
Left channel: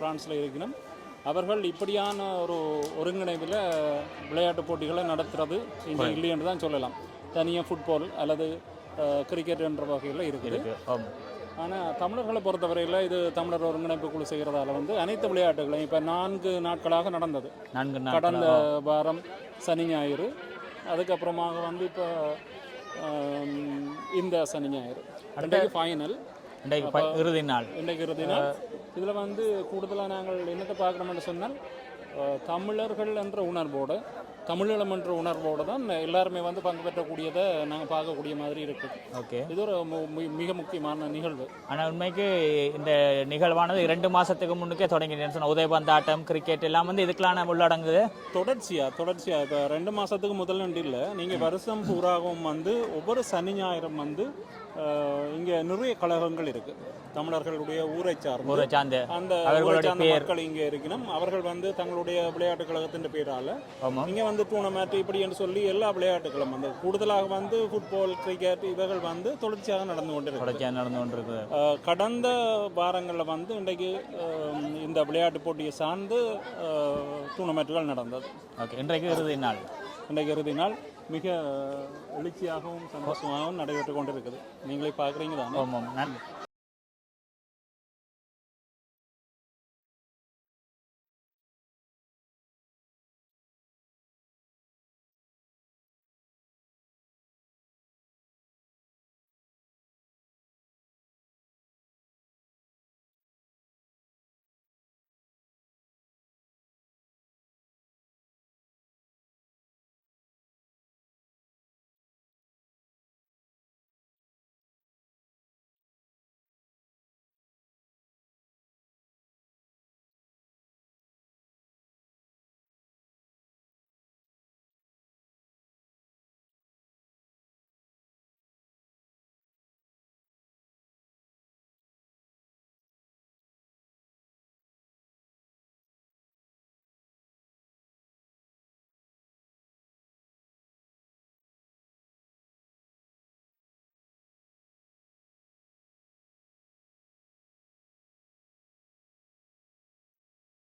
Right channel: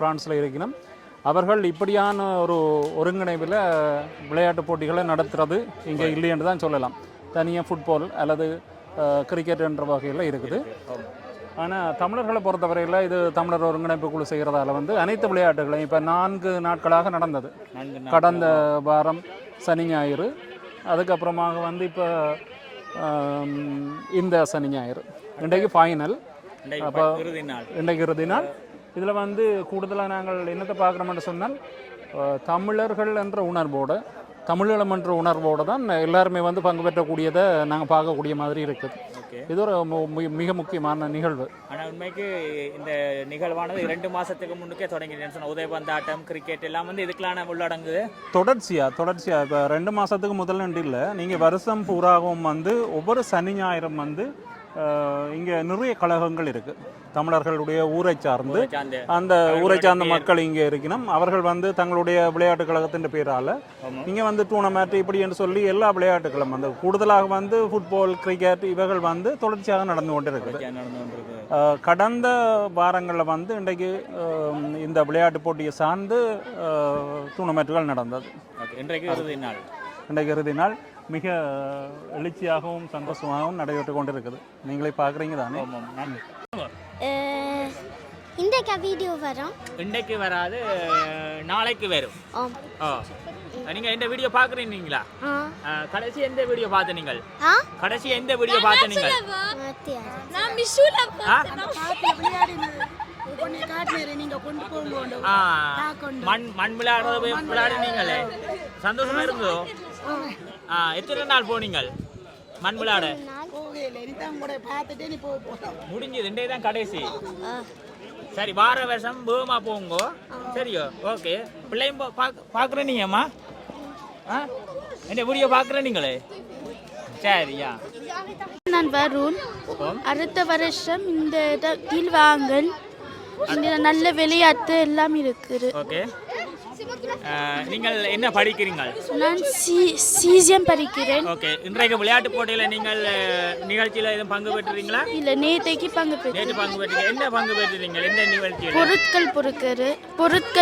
பிரான்ஸில் இருக்கணும். அவர்கள் இப்படியான ஒரு ஒருங்கிணைவில் விளையாட்டு போட்டிகளை நடத்துறது இங்கே இல்லைன்னு தான் சொல்லலாம். தனியாக ஃபுட்பால் அல்லது கிரிக்கெட் என்ற வகையில் இருக்குது. ஆனால் தமிழர்களை பொறுத்தவரையில் இது தமிழர் ஒருங்கிணைப்பு குழு செய்கிறதால வந்து அனைத்து விளையாட்டுகளையும் இப்போ 4 நாட்களாக நடந்தது. கடந்த வாரம் சனி ஞாயிறு, அதுக்கப்புறமாக வந்து இப்போ இந்த சனி ஞாயிறு இன்றைக்கு ஃபைனல், இன்றைக்கு இறுதி நாள். இதில் வந்து கூடுதலாக நாங்கள் என்னத்தை பார்க்குறோம்னு சொன்னால் தமிழர்கள் என்ற உணர்வோடு, தமிழீழம் என்ற உணர்வோடு தான் எல்லாருமே வந்து பங்கு பெற்றக்கூடியதை நாங்கள் பார்க்கக்கூடிய மாதிரி இருக்குது. ஓகே, இது ஒரு மிக முக்கியமான நிகழ்வு. ஆனால் உண்மைக்கு இந்த நிகழ்வானது 2 மாதத்துக்கு முன்னுக்கே தொடங்கிடுன்னு சொன்னால் உதைபந்தாட்டம், கிரிக்கெட் எல்லாம் வந்து இதுக்கெல்லாம் உள்ளடங்குது. தொடர்ச்சியாக இப்போ 2 மாதத்துக்கு முதல்ல இல்லை, நீங்கள் வருஷம் பூராவும் வந்து ஒவ்வொரு சனி ஞாயிறும் வந்து இங்கே நிறைய கழகங்கள் இருக்குது. தமிழர்களுடைய ஊரை சார்ந்து அந்த ஊரை சார்ந்த மக்கள் இங்கே இருக்கணும். அவர்கள் வந்து தங்களுடைய விளையாட்டு கழகத்தின் பேரால் இங்கே வந்து டூர்னமெண்ட் இப்படி என்று சொல்லி எல்லா விளையாட்டுகளும் வந்து கூடுதலாக வந்து ஃபுட்பால், கிரிக்கெட் இவைகள் வந்து தொடர்ச்சியாக நடந்து கொண்டிருக்கு. கடந்த வாரங்களில் வந்து இன்றைக்கு இந்த விளையாட்டு போட்டியை சார்ந்து டூர்னமெண்ட்டுகள் நடந்தது. இன்றைக்கு இறுதி நாள். இன்றைக்கு இறுதி நாள் மிக எழுச்சியாகவும் சந்தோஷமாகவும் நடைபெற்று கொண்டு இருக்குது. நீங்களே பார்க்குறீங்க தானே? இன்றைக்கு வீடியோ வரும். இன்றைக்கு வராது, நாளைக்கு வரும். நீங்க எந்த வீடியோ பாக்குறீங்களா? கடைசி எந்த வீடியோ பார்த்து நீங்கள்? கடைசி எந்த வீடியோ பார்த்து நீங்கள்? நான் மிஷுல மண் விளையாடுறீங்களே, சந்தோஷமா இருந்ததோ? எத்தனை நாள் போனீங்கள் மண் விளையாட? முடிஞ்சது, இன்றைய தான் கடைசி. சரி, வார வருஷம் பூமா போங்க. சரியோ? ஓகே. பிள்ளையும் பார்க்குறேன் நீங்கம்மா? என்ன வீடியோ பார்க்குறேன் நீங்களே? சரியா? நான் வருண். அடுத்த வருஷம் இந்த இடத்தில் வாங்கல். இங்க நல்ல விளையாட்டு எல்லாம் இருக்குது. ஓகே. நீங்கள் என்ன படிக்கிறீங்க? நான் சிசிஎம் படிக்கிறேன். ஓகே. இன்றைக்கு விளையாட்டு போட்டியில் நீங்கள் நிகழ்ச்சியில் எதுவும் பங்கு பெற்றீங்களா? இல்லை, நேற்றைக்கு பங்கு பெற்றேன். நேற்று பங்கு பெற்றீங்க. என்ன பங்கு பெற்றீங்க? எந்த நிகழ்ச்சியில்? பொருட்கள்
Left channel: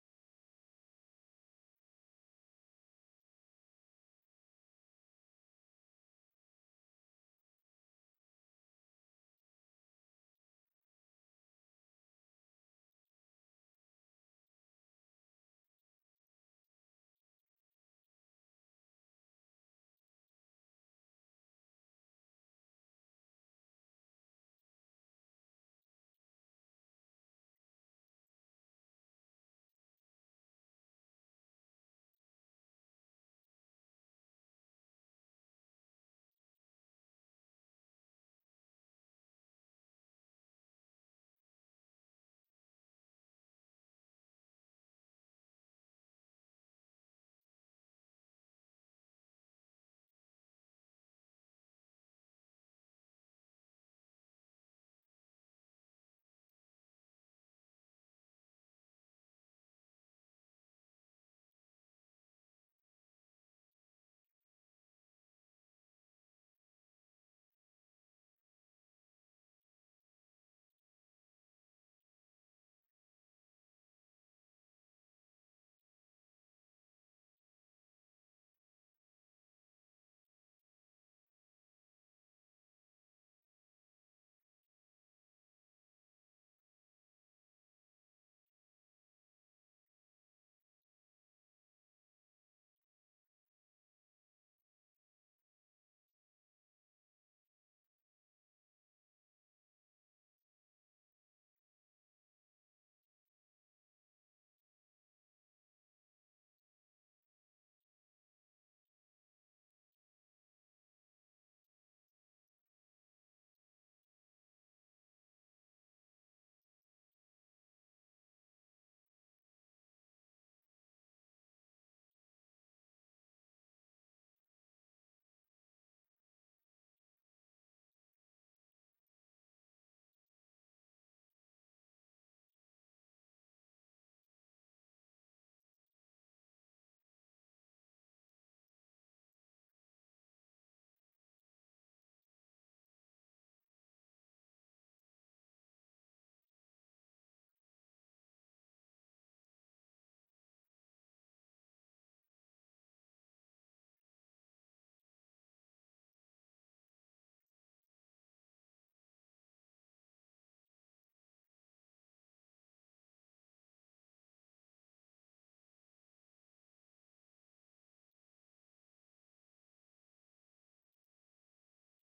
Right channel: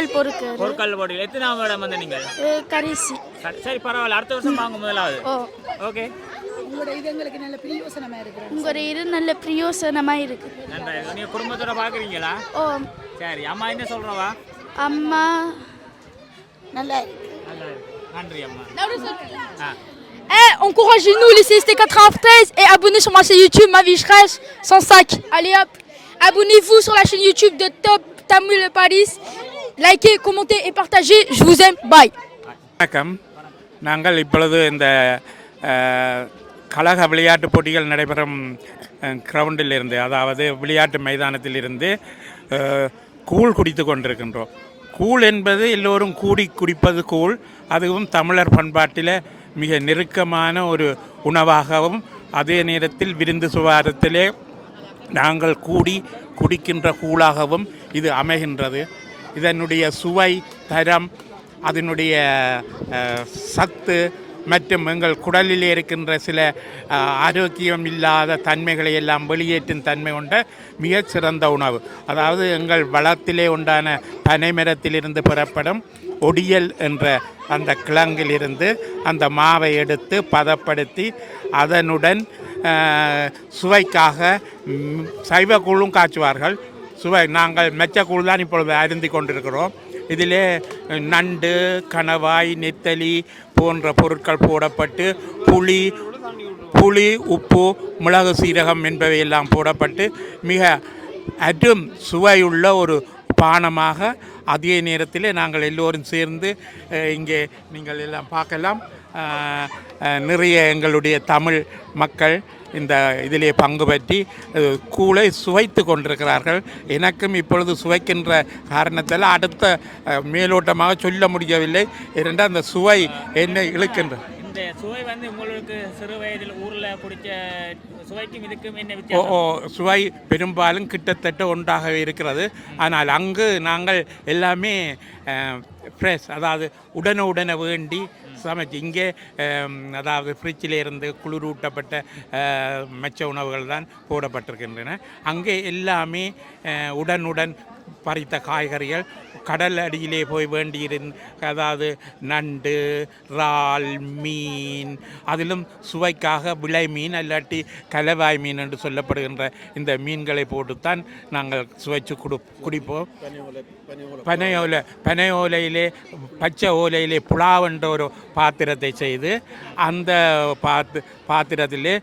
போட்டியில் எத்தனாம் இடம் வந்து நீங்கள்? கடைசி. சரி, பரவாயில்ல, அடுத்த வருஷம் வாங்க முதலாவது. ஓகே. உங்களோட இது நல்ல பிரயோசனமா இருக்கு. நன்றி. நீங்க குடும்பத்தோட பாக்குறீங்களா? சரி. அம்மா என்ன சொல்றவா? அம்மா நல்லா நன்றி அம்மா. Encouragez-nous, laissez ST93 et abonnez sur ma chaîne YouTube, ma vie fraîche, sans sac. Allez hop, abonnez-vous sur la chaîne YouTube de Top Tamil Paris. Likez, commentez et partagez. Je vous aime. Bye. வணக்கம். நாங்கள் இப்பொழுது இந்த கழக விளையாட்டு போட்டிகள் நடைபெறும் கிரவுண்டில் இருந்து, அதாவது விளையாட்டு மைதானத்தில் இருந்து கூழ் குடித்து கொண்டிருக்கின்றோம். கூழ் என்பது எல்லோரும் கூடி குடிப்பது கூழ். அதுவும் தமிழர் பண்பாட்டில் மிக நெருக்கமான ஒரு உணவாகவும், அதே நேரத்தில் விருந்து சுவாரத்திலே நாங்கள் கூடி குடிக்கின்ற கூழாகவும் இது அமைகின்றது. இதனுடைய சுவை, தரம், அதனுடைய சத்து மற்றும் எங்கள் குடலில் இருக்கின்ற சில ஆரோக்கியம் இல்லாத தன்மைகளை எல்லாம் வெளியேற்றும் தன்மை கொண்ட மிகச் சிறந்த உணவு. அதாவது எங்கள் வளத்திலே உண்டான பனைமரத்திலிருந்து பெறப்படும் ஒடியல் என்ற அந்த கிழங்கிலிருந்து அந்த மாவை எடுத்து பதப்படுத்தி அதனுடன் சுவைக்காக சைவ கூழும் காய்ச்சுவார்கள். நாங்கள் மெச்சக்கூழ் தான் இப்பொழுது அருந்தி கொண்டிருக்கிறோம். இதிலே நண்டு, கணவாய், நெத்தலி போன்ற பொருட்கள் போடப்பட்டு புளி, உப்பு, மிளகு, சீரகம் என்பவையெல்லாம் போடப்பட்டு மிக அரும் சுவையுள்ள ஒரு பானமாக, அதே நேரத்தில் நாங்கள் எல்லோரும் சேர்ந்து இங்கே நீங்கள் எல்லாம் பார்க்கலாம், நிறைய எங்களுடைய தமிழ் மக்கள் இந்த இதிலே பங்கு பற்றி கூழை சுவைத்து கொண்டிருக்கிறார்கள். எனக்கும் இப்பொழுது சுவைக்கின்ற காரணத்தால் அடுத்த மேலோட்டமாக சொல்ல முடியவில்லை. இரண்டால் அந்த சுவை என்னை இழுக்கின்றது. இந்த சுவை வந்து உங்களுக்கு சிறு வயதில் ஊரில் குடித்த சுவைக்கும் இதுக்கும் என்ன வித்தியாசம்? சுவை பெரும்பாலும் கிட்டத்தட்ட ஒன்றாகவே இருக்கிறது. ஆனால் அங்கு நாங்கள் எல்லாமே ஃப்ரெஷ், அதாவது உடனே வேண்டி சமைச்சு இங்கே அதாவது ஃப்ரிட்ஜில் இருந்து குளிரூட்டப்பட்ட மெச்ச உணவுகள் தான் போடப்பட்டிருக்கின்றன. அங்கே எல்லாமே உடனுடன் பறித்த காய்கறிகள், கடல் அடியிலே போய் அதாவது நண்டு, இறால், மீன், அதிலும் சுவைக்காக விளை மீன் அல்லாட்டி கலவாய் மீன் என்று சொல்லப்படுகின்ற இந்த மீன்களை போட்டுத்தான் நாங்கள் சுவைச்சு குடிப்போம். பனை ஓலையிலே, பச்சை ஓலையிலே புலாவ் என்ற ஒரு பாத்திரத்தை செய்து அந்த பாத்திரத்திலே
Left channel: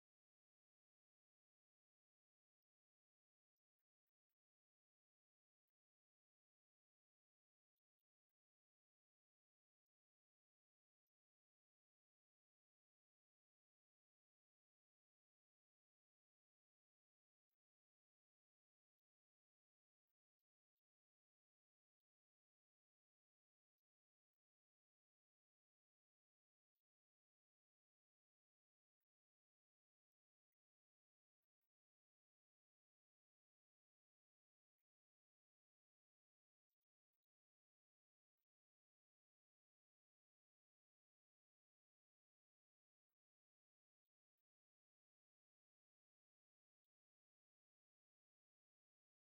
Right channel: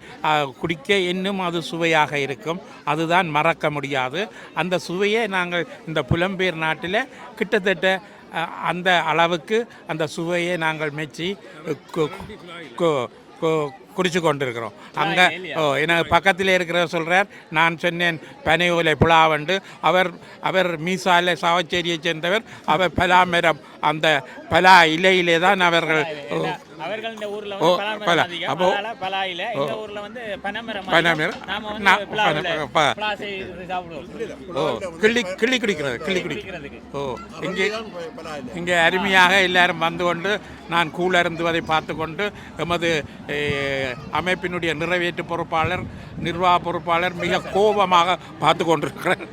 குடிக்க இன்னும் அது சுவையாக இருக்கும். அதுதான் மறக்க முடியாது. அந்த சுவையை நாங்கள் இந்த புலம்பெயர் நாட்டில் கிட்டத்தட்ட அந்த அளவுக்கு அந்த சுவையை நாங்கள் மெச்சி குடிச்சு கொண்டிருக்கிறோம். அங்கே எனக்கு பக்கத்தில் இருக்கிறவர் சொல்கிறார், நான் சொன்னேன் பனை ஓலை புலாவண்டு, அவர் மீசாலை சாவச்சேரியை சேர்ந்தவர். அவர் பலாமரம், அந்த பலா இலையிலே தான் அவர்கள் இந்த ஊர்ல கிள்ளி குடிக்கிறது. இங்கே அருமையாக எல்லாரும் வந்து கொண்டு நான் கூழருந்துவதை பார்த்து கொண்டு எமது அமைப்பினுடைய நிறைவேற்று பொறுப்பாளர், நிர்வாக பொறுப்பாளர் மிக கோபமாக பார்த்து கொண்டிருக்கிறார்.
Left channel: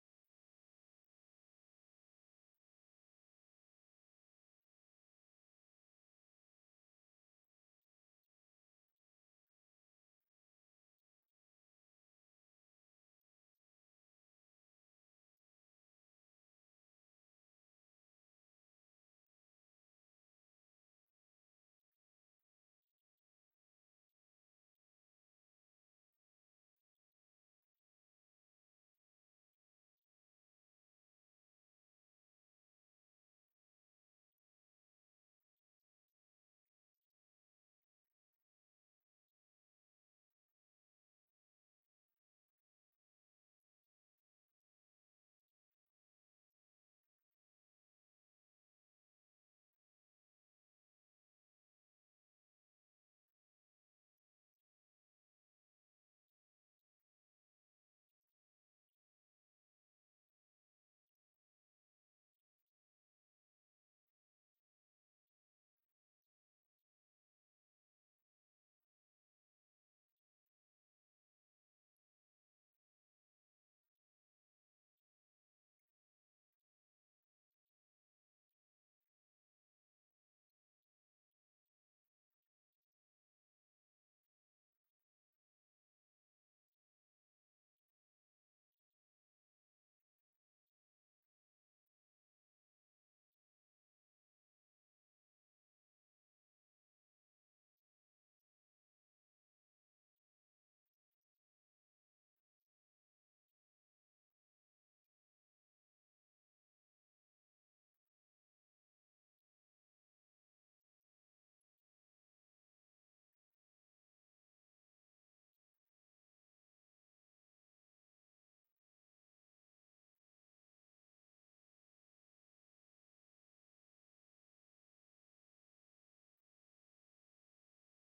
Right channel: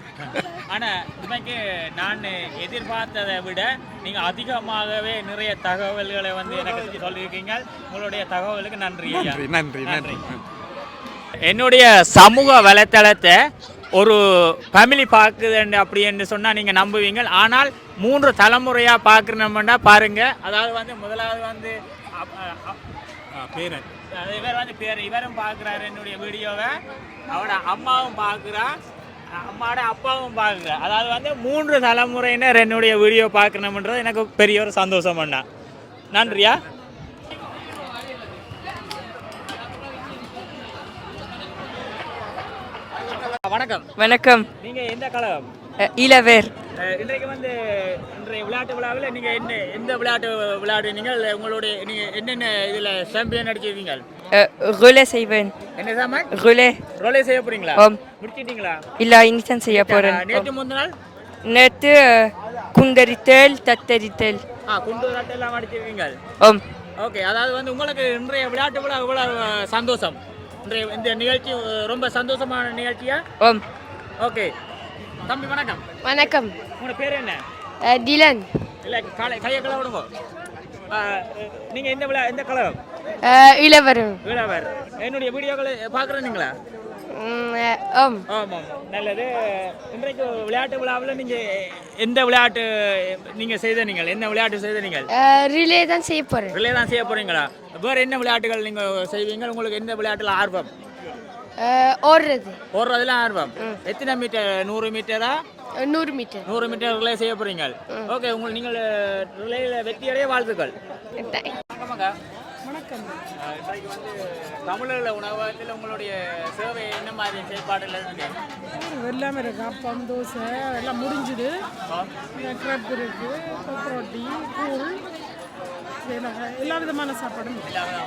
ஆனால் இதுக்கு நான் எதிர்பார்த்ததை விட நீங்கள் அதிகமாகவே நிறைய தகவல்களை வந்து எனக்கு சொல்லியிருக்கீங்க. உங்களுடைய தகவலுக்கு நன்றி. நன்றி நன்றி. என்னுடைய சமூக வலைத்தளத்தை ஒரு ஃபேமிலி பார்க்குதுன்னு அப்படின்னு சொன்னால் நீங்கள் நம்புவீங்க. ஆனால் 3 தலைமுறையாக பார்க்கணும்னா பாருங்கள். அதாவது வந்து முதலாவது வந்து பேரன் இவர் வந்து இவரும் பார்க்குறாரு என்னுடைய வீடியோவை. அவரோட அம்மாவும் பார்க்குறா, அம்மாவோட அப்பாவும் பார்க்குறா. அதாவது வந்து 3 தலைமுறையினர் என்னுடைய வீடியோ பார்க்கணுன்றது எனக்கு பெரிய ஒரு சந்தோஷம் பண்ணா. நன்றியா. வணக்கம். வணக்கம். நீங்கள் எந்த கழகம்? இளவேர். இன்றைக்கு வந்து இன்றைய விளையாட்டு விழாவில் நீங்கள் எந்த விளையாட்டு விளையாடுவீங்க? உங்களுடைய நீங்கள் என்னென்ன இதில் சாம்பியன் அடிச்சிருக்கீங்க? ரோலே செய்வேன். என்ன சாமான்? ரோலே செய்ய போறீங்களா? முடிச்சிட்டீங்களா? இல்லை, இனிதான் செய்ய போகிறேன். நேற்று முந்தின நாள்? நேற்று குண்டரித்தல், தத்தரித்தல். குண்டரித்தல் எல்லாம் அடிச்சிருக்கீங்க. ஓகே. அதாவது வந்து உங்களுக்கு இன்றைய விளையாட்டு விழா இவ்வளவு சந்தோஷம், இன்றைய இந்த நிகழ்ச்சி ரொம்ப சந்தோஷமான நிகழ்ச்சியா? ஓகே. தம்பி வணக்கம். வணக்கம். உங்களோட பேர் என்ன? டிலன். இல்லை, கையை கலை விடுங்க. நீங்கள் எந்த கலகம்? இளவர். என்னுடைய வீடியோக்களை பார்க்குறீங்களா? ஆமாம். நல்லது. இன்றைக்கு விளையாட்டு விழாவில் நீங்கள் எந்த விளையாட்டு என்ன விளையாட்டு செய்தீங்க? ரிலே தான் செய்ய போகிறேன். ரிலே தான் செய்ய போகிறீங்களா? வேறு என்ன விளையாட்டுகள் நீங்கள் செய்வீங்க? உங்களுக்கு எந்த விளையாட்டில் ஆர்வம்? ஓடுறதுல ஆர்வம். எத்தனை மீட்டர்? 100 மீட்டரா? 100 மீட்டர். 100 மீட்டர் ரிலே செய்ய போகிறீங்க. ஓகே. நீங்கள் ரிலேயில் வெற்றியடைய வாழ்த்துக்கள். வணக்கம். இன்றைக்கு வந்து தமிழர் உணவகத்தில் உங்களுடைய சேவை என்ன மாதிரி செயல்பாடுகள் இருக்கு? எல்லாமே இருக்கு. அப்பம், தோசை எல்லாம் முடிஞ்சுது. கிரப் இருக்கு, கொப்பரோட்டி, கூழ், எல்லா விதமான சாப்பாடும்.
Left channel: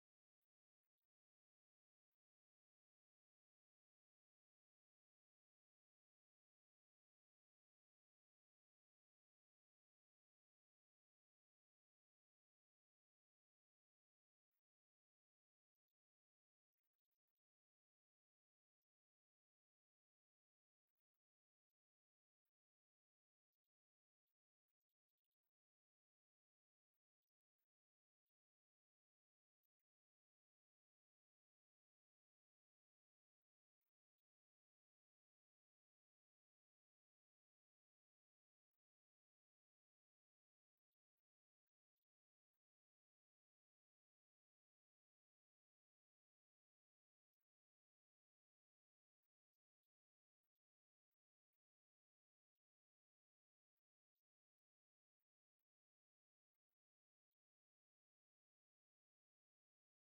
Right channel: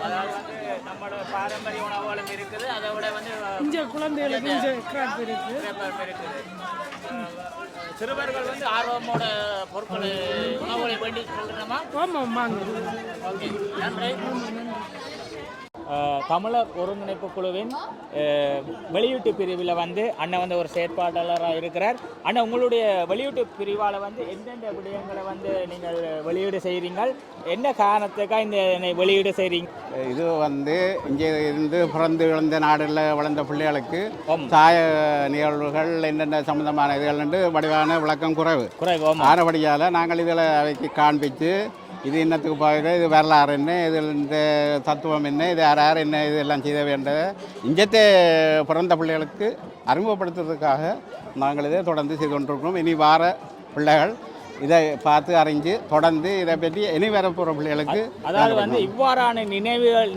அதாவது வந்து நம்மளோட பாரம்பரிய உணவுகளும் இருக்குது. அதை விட வந்து இங்கே குழந்தைகளுக்கு இங்கே கிரப் இருக்கு. சிறுவர்கள் வந்து ஆர்வமோட பொருட்களை உணவுகளை வேண்டி சொல்கிறோமா? ஆமாம், வாங்க. ஓகே, நன்றி. தமிழர் ஒருங்கிணைப்பு குழுவின் வெளியீட்டு பிரிவில் வந்து அண்ணன் வந்து ஒரு செயற்பாட்டாளராக இருக்கிறார். அண்ணன், உங்களுடைய வெளியீட்டு பிரிவால் வந்து எந்தெந்த விடயங்களை வந்து நீங்கள் வெளியீடு செய்கிறீங்க? என்ன காரணத்துக்காக இந்த வெளியீடு செய்கிறீங்க? இது வந்து இங்கே இருந்து பிறந்து விழுந்த நாடுகளில் வளர்ந்த பிள்ளைகளுக்கு தாய நிகழ்வுகள் என்னென்ன சம்பந்தமான இதுகள் வடிவான விளக்கம் குறைவு. ஆனபடியால் நாங்கள் இதில் அவைக்கு காண்பித்து இது என்னத்துக்கு பார்க்குற, இது வரலாறு என்ன, இதில் இந்த தத்துவம் என்ன, இது யார் என்ன, இதெல்லாம் செய்த வேண்டிய இங்கத்தே பிறந்த பிள்ளைகளுக்கு அறிமுகப்படுத்துறதுக்காக நாங்கள் இதை தொடர்ந்து செய்து கொண்டிருக்கிறோம். இனி வார பிள்ளைகள் இதை பார்த்து அறிஞ்சு தொடர்ந்து இதை பற்றி இனி வரப்போகிற பிள்ளைகளுக்கு, அதாவது வந்து இவ்வாறான நினைவுகள்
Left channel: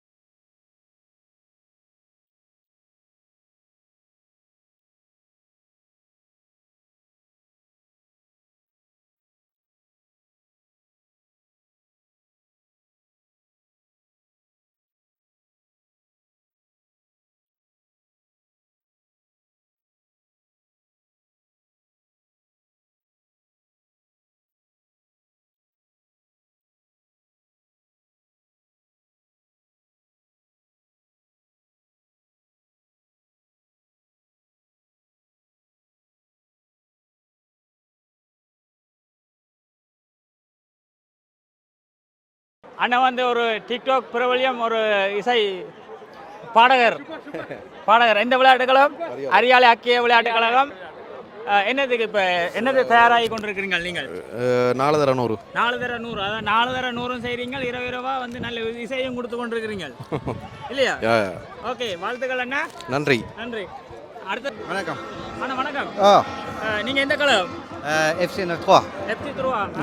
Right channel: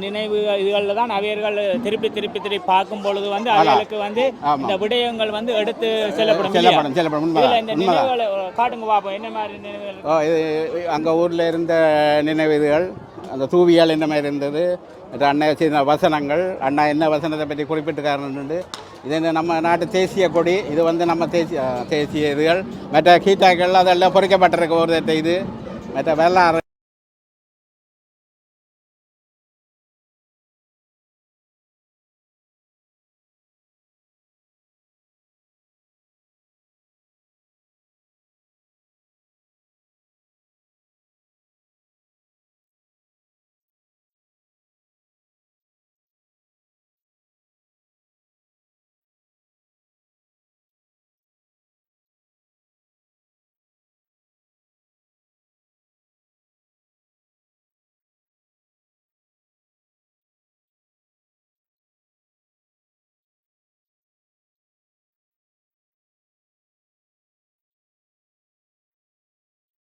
இதுகளில் தான் அவர்கள் திருப்பி பார்க்கும் பொழுது வந்து அவர்களுக்கு வந்து இந்த விடயங்கள் வந்து எடுத்து செல்லப்படும். இந்த நினைவுகளை காட்டுங்க பார்ப்போம். என்ன மாதிரி நினைவுகள்? இது அங்கே ஊரில் இருந்த நினைவுகள், அந்த தூவியால் என்ன மாதிரி இருந்தது, அண்ணா செய்த வசனங்கள், அண்ணா என்ன வசனத்தை பற்றி குறிப்பிட்டுக்காரன்னு. இது நம்ம நாட்டு தேசிய கொடி. இது வந்து நம்ம தேசிய இதுகள் மற்ற கீட்டாக்கள் அதெல்லாம் பொறிக்கப்பட்டிருக்க ஒரு இது மற்ற வரலாறு. அண்ணன் வந்து ஒரு டிக்டாக் பிரபலியம், ஒரு இசை பாடகர். எந்த விளையாட்டு கழகம்? அரியாலை அக்கிய விளையாட்டு கழகம். என்னதுக்கு இப்போ என்னது தயாராகி கொண்டிருக்கிறீங்க நீங்கள்? 4 தர 100. 4 தர 100. அதான் 4 தர 100 செய்கிறீங்க. இரவா வந்து நல்ல இசையும் கொடுத்து கொண்டிருக்கிறீங்க இல்லையா? ஓகே, வாழ்த்துக்கள் அண்ணா. நன்றி. அடுத்த வணக்கம். அண்ணா வணக்கம். நீங்கள் எந்த கழகம்? FC 3.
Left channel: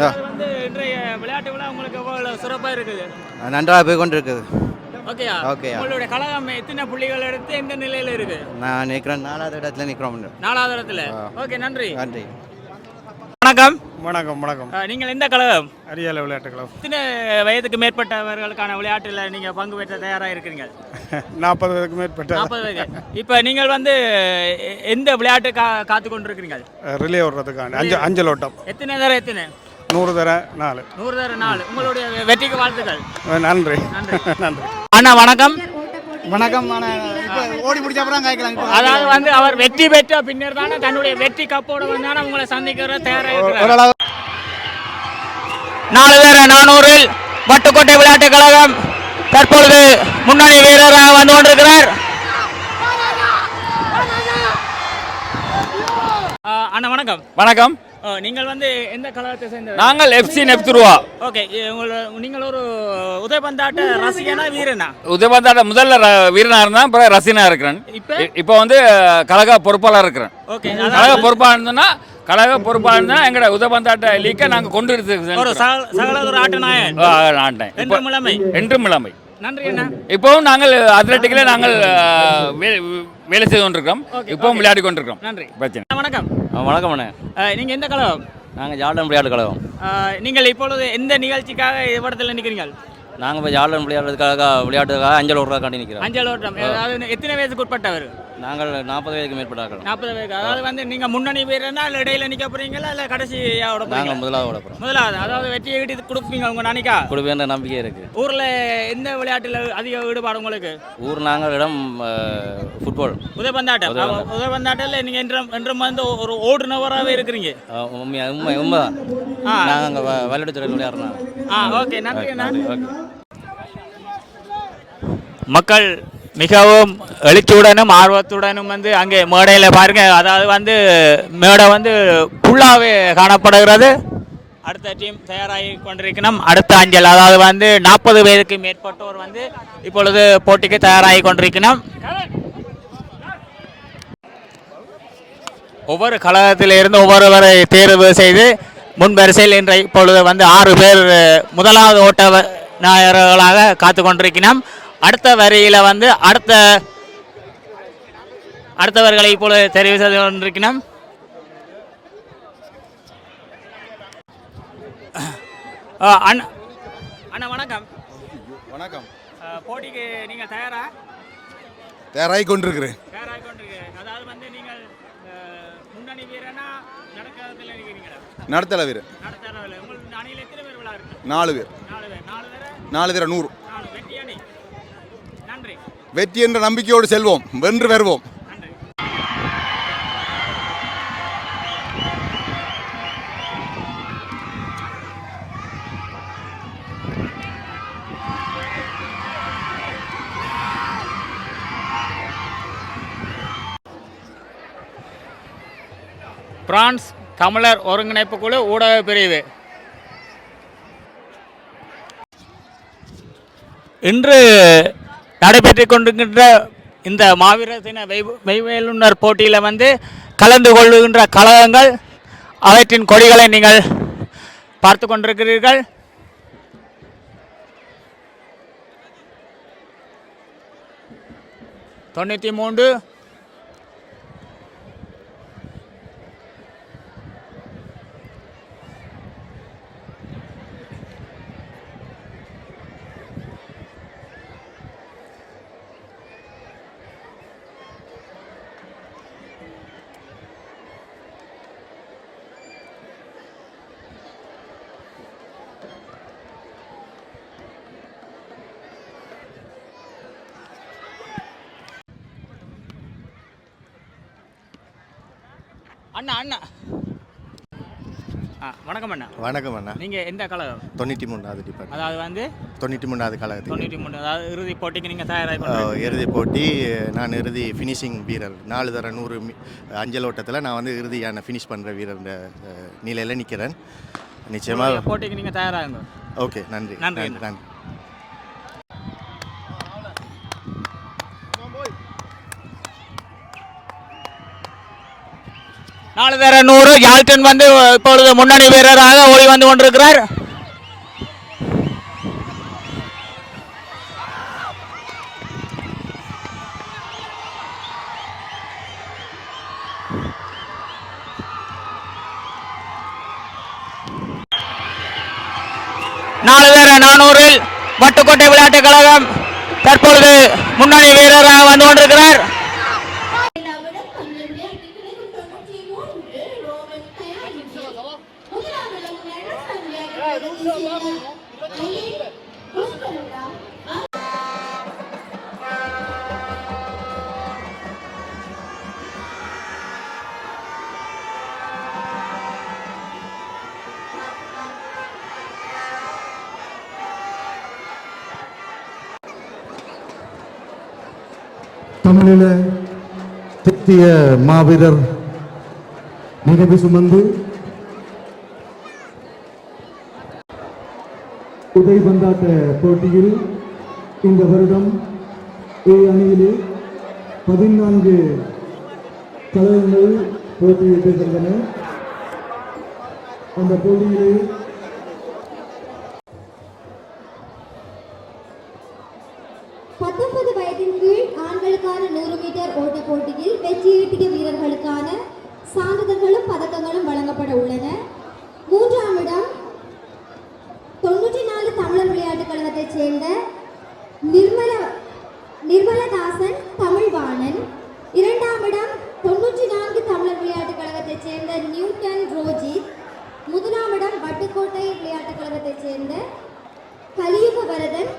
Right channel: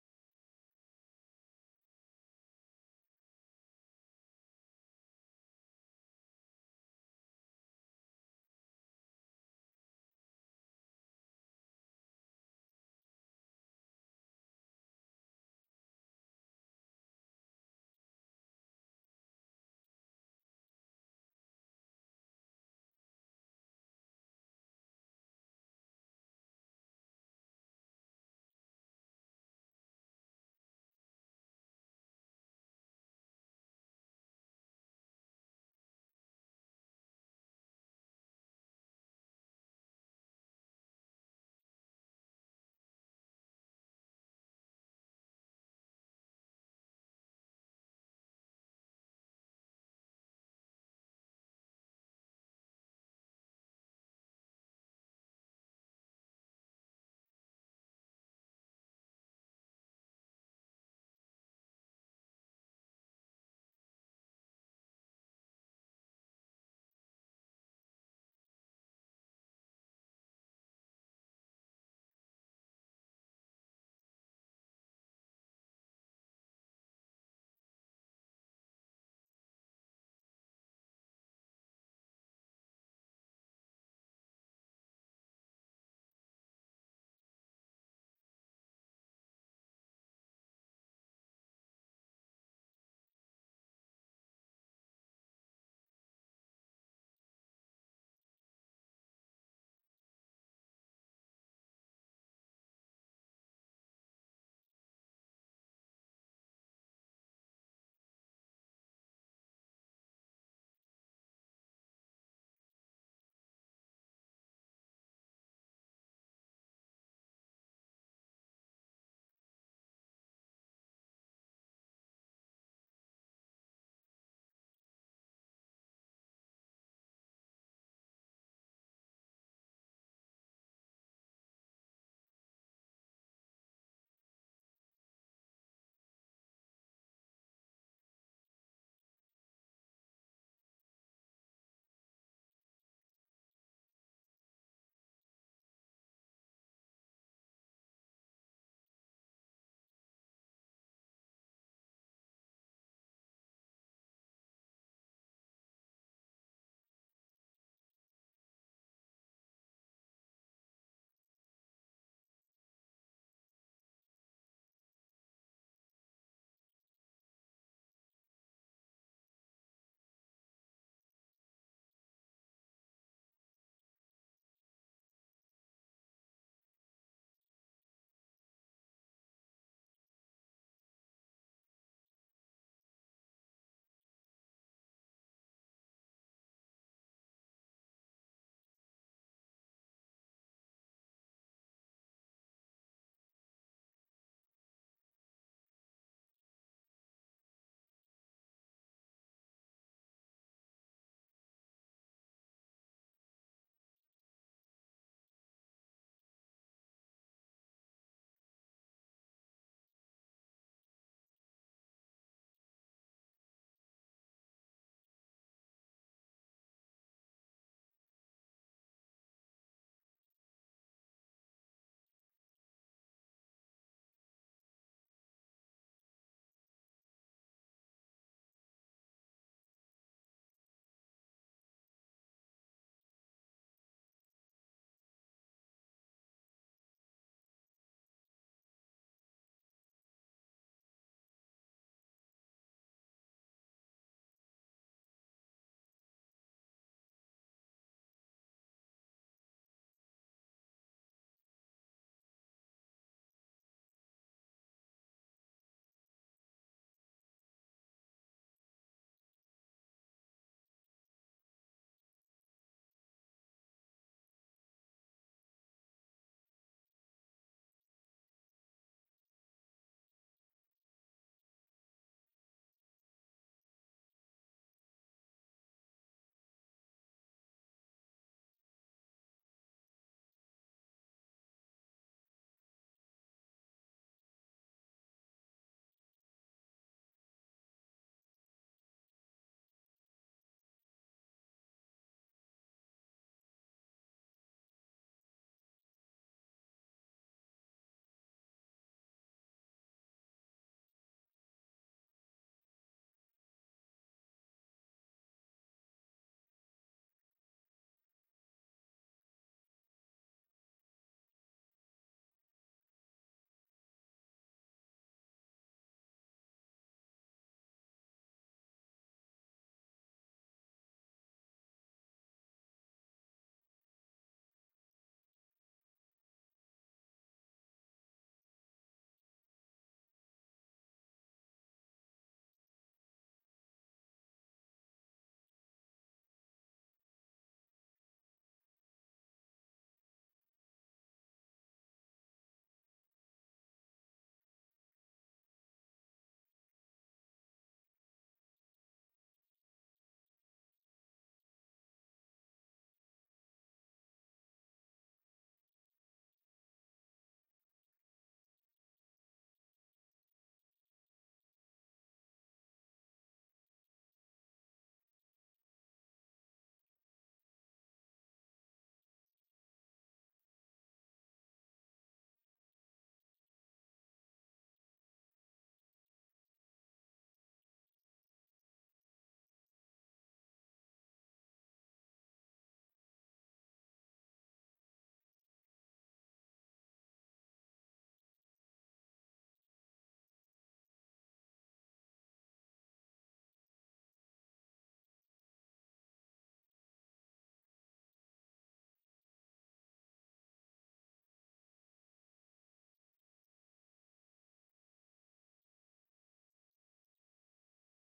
அது வந்து இன்றைய விளையாட்டு விழா உங்களுக்கு எவ்வளவு சிறப்பாக இருக்குது? நன்றாக போய் கொண்டு இருக்குது. ஓகேயா? உங்களுடைய கழகம் எத்தனை புள்ளிகள் எடுத்து எந்த நிலையில் இருக்கு? நான் நிற்கிறேன் 4வது இடத்துல நிற்கிறோம். 4வது இடத்துல. ஓகே, நன்றி. வணக்கம். நீங்கள் எந்த கழகம்? அரியாலை விளையாட்டு கழகம். எத்தனை வயதுக்கு மேற்பட்டவர்களுக்கான விளையாட்டில் நீங்கள் பங்கு பெற்ற தயாராக இருக்கிறீங்க? 40 வயதுக்கு மேற்பட்ட. 40 வயது. இப்போ நீங்கள் வந்து எந்த விளையாட்டு காத்து கொண்டிருக்கிறீங்க? ரிலே ஓடுறதுக்கான அஞ்சல் ஓட்டம். எத்தனை தர? 100 தர 4. 100 தர 4. உங்களுடைய வெற்றிக்கு வாழ்த்துக்கள். நன்றி. அண்ணா வணக்கம். வணக்கம். இப்போ ஓடி முடிச்ச அப்புறம் கேட்கலாம். அதாவது வந்து அவர் வெற்றி பெற்ற பின்னர் தானே தன்னுடைய வெற்றி கப்போட வந்தாலும் உங்களை சந்திக்கிற தயாராக 4,400 வட்டுக்கோட்டை விளையாட்டுக் கழகம் தற்பொழுது முன்னணி வீரராக வந்து கொண்டிருக்கிறார். அண்ணா வணக்கம். வணக்கம். நீங்கள் வந்து எந்த கழகத்தை சேர்ந்த? நாங்கள் எஃப்சி நெப்துருவா. ஓகே, நீங்கள் ஒரு உதயபந்தாட்ட ரசிகனா வீரனா? உதயபந்தாட்ட முதல்ல வீரனா இருந்தா அப்புறம் ரசிகனா இருக்கிறேன். இப்போ வந்து கழக பொறுப்பாளர் இருக்கிறேன். ஓகே, கழக பொறுப்பாளர் இருந்தோம்னா எங்களோட உதயபந்தாட்ட லீக்கை நாங்கள் கொண்டு ஒரு சகல ஒரு ஆட்ட நாயன் ஆட்டேன் என்றும் இளமை. நன்றி அண்ணா. இப்போவும் நாங்கள் அத்லட்டிக்கில் நாங்கள் வேலை செய்து கொண்டிருக்கிறோம். இப்போவும் விளையாடி கொண்டிருக்கிறோம். நன்றி. பிரச்சனை. வணக்கம். வணக்கம் அண்ணே. நீங்க எந்த கழகம்? நாங்கள் ஜார்டன் விளையாட்டு கழகம். நீங்கள் இப்பொழுது எந்த நிகழ்ச்சிக்காக இடத்துல நிற்கிறீங்க? நாங்கள் இப்போ ஜார்டன் விளையாட்டுக்காக அஞ்சல் ஓட்டுறதுக்காண்டி நிற்கிறோம். அஞ்சல் ஓட்டம். அதாவது எத்தனை வயதுக்கு உட்பட்டவர்? நாங்கள் 40 வயதுக்கு மேற்பட்டார்கள். 40 வயது. அதாவது வந்து நீங்கள் முன்னணி வீரர்னா இல்லை இடையில நிற்க போறீங்களா இல்லை கடைசியோட? நாங்கள் முதலாவது ஓட போகிறோம். முதலாவது. அதாவது வெற்றியை ஈட்டி கொடுப்பீங்க உங்கள் நாளைக்கா? கொடுப்பேன்ற நம்பிக்கை இருக்குது. ஊரில் எந்த விளையாட்டில் அதிக ஈடுபாடு உங்களுக்கு? ஊர் நாங்கள் இடம் ஃபுட்பால். உதயபந்தாட்டம். உதயபந்தாட்டில் நீங்கள் என்றும் வந்து ஒரு ஓடுனவராகவே இருக்கிறீங்க. உண்மைதான். நாங்கள் அங்கே விளையாட்டுத்துறையில் விளையாடுறோம். ஓகே, நன்றி. நன்றி. மக்கள் மிகவும் எழுச்சியுடனும் ஆர்வத்துடனும் வந்து அங்கே மேடையில் பாருங்க. அதாவது வந்து மேடை வந்து ஃபுல்லாகவே காணப்படுகிறது. அடுத்த டீம் தயாராகி கொண்டிருக்கணும். அடுத்த அஞ்சல் அதாவது வந்து 40 வயதுக்கு மேற்பட்டோர் வந்து இப்பொழுது போட்டிக்கு தயாராகி கொண்டிருக்கணும். ஒவ்வொரு கழகத்திலிருந்து ஒவ்வொருவரை தேர்வு செய்து முன்வரிசையில் இன்றைய இப்பொழுது வந்து 6 பேர் முதலாவது ஓட்ட நாயகர்களாக காத்து கொண்டிருக்கணும். அடுத்த வரியில் வந்து அடுத்தவர்களை இப்பொழுது தெரிவு செய்து கொண்டிருக்கணும். அண்ணா வணக்கம். வணக்கம். போட்டிக்கு நீங்கள் தயாராகி கொண்டிருக்கிறேன். அதாவது வந்து நீங்கள் முன்னணி வீரனா நடக்கிறதுல இருக்கிறீங்களா? நடத்தல வீரர். உங்கள் அணியில் எத்தனை பேர் விளையாடுறீங்க? 4 பேர். 4 பேர் 100. வெற்றி என்ற நம்பிக்கையோடு செல்வோம், வென்று வருவோம். பிரான்ஸ் தமிழர் ஒருங்கிணைப்பு குழு ஊடக பிரிவு இன்று நடைபெற்றுக் கொண்டிருக்கின்ற இந்த மாவீரர் தின மெய்வேலுனர் போட்டியில் வந்து கலந்து கொள்ளுகின்ற கழகங்கள் அவற்றின் கொடிகளை நீங்கள் பார்த்து கொண்டிருக்கிறீர்கள். தொண்ணூற்றி 3 அண்ணா அண்ணா வணக்கம் அண்ணா. வணக்கம் அண்ணா. நீங்கள் எந்த கழகம்? 93வது டிபார்ட்மெண்ட். அதாவது வந்து 93வது கழகத்தில். 93. அதாவது இறுதி போட்டிக்கு நீங்கள் தயாராக? இறுதி போட்டி நான் இறுதி ஃபினிஷிங் வீரர். 4 தர 100 அஞ்சல் ஓட்டத்தில் நான் வந்து இறுதியான ஃபினிஷ் பண்ணுற வீரர் நிலையில் நிற்கிறேன். நிச்சயமாக போட்டிக்கு நீங்கள் தயாராகுங்க. ஓகே, நன்றி. நன்றி. நன்றி. 4 தர 100 யால்டன் வந்து இப்பொழுது முன்னணி வீரராக ஓடி வந்து கொண்டிருக்கிறார். நாலு தர 400 வட்டுக்கோட்டை விளையாட்டுக் கழகம் தற்பொழுது முன்னணி வீரராக வந்து கொண்டிருக்கிறார். தமிழீழ தேசிய மாவீரர் நினைவு சுமந்து உதைபந்தாட்ட போட்டியில் இந்த வருடம் A அணியிலே 14 கழகங்கள் போட்டியிட்டிருக்கின்றன. அந்த போட்டியிலே வயதின் கீழ் ஆண்களுக்கான 100 மீட்டர் ஓட்ட போட்டியில் வெற்றியீட்டிய வீரர்களுக்கான சான்றிதழ்களும் பதக்கங்களும் வழங்கப்பட உள்ளன. 3ஆம் இடம் 94 தமிழர் விளையாட்டுக் கழகத்தைச் சேர்ந்த நிர்மலதாசன் தமிழ்வாணன். 2ஆம் இடம் 94 தமிழர் விளையாட்டுக் கழகத்தைச் சேர்ந்த நியூட்டன் ரோஜித். 3ஆம் இடம் வட்டுக்கோட்டை விளையாட்டுக் கழகத்தைச் சேர்ந்த கலியுக வரதன்.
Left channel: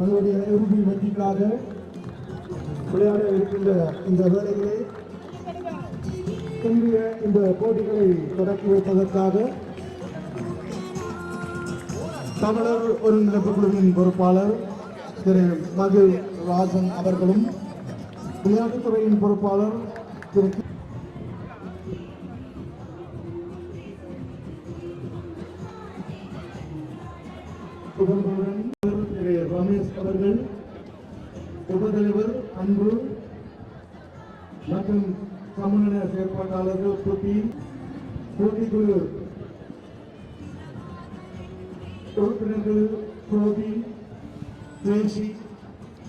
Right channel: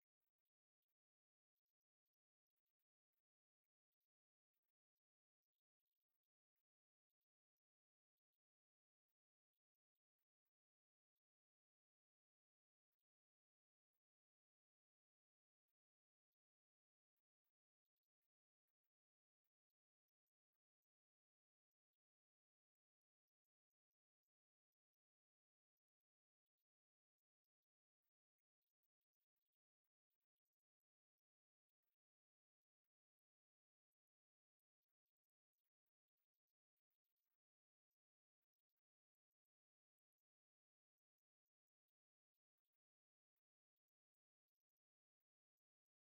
தங்களுடைய இறுதி வெற்றிக்காக விளையாட இருக்கின்ற இந்த வேளையிலே இந்திய இந்த போட்டிகளை தொடக்கி வைப்பதற்காக தமிழர் ஒருங்கிணைப்பு குழுவின் பொறுப்பாளர் திரு மகிழ் ராஜன் அவர்களும் விளையாட்டுத்துறையின் பொறுப்பாளர் திரு ரமேஷ் அவர்கள், உபதலைவர் அன்பு மற்றும் சமநல செயற்பாட்டாளர்கள் போட்டிக்குழு உறுப்பினர்கள் கோபி, தேசி,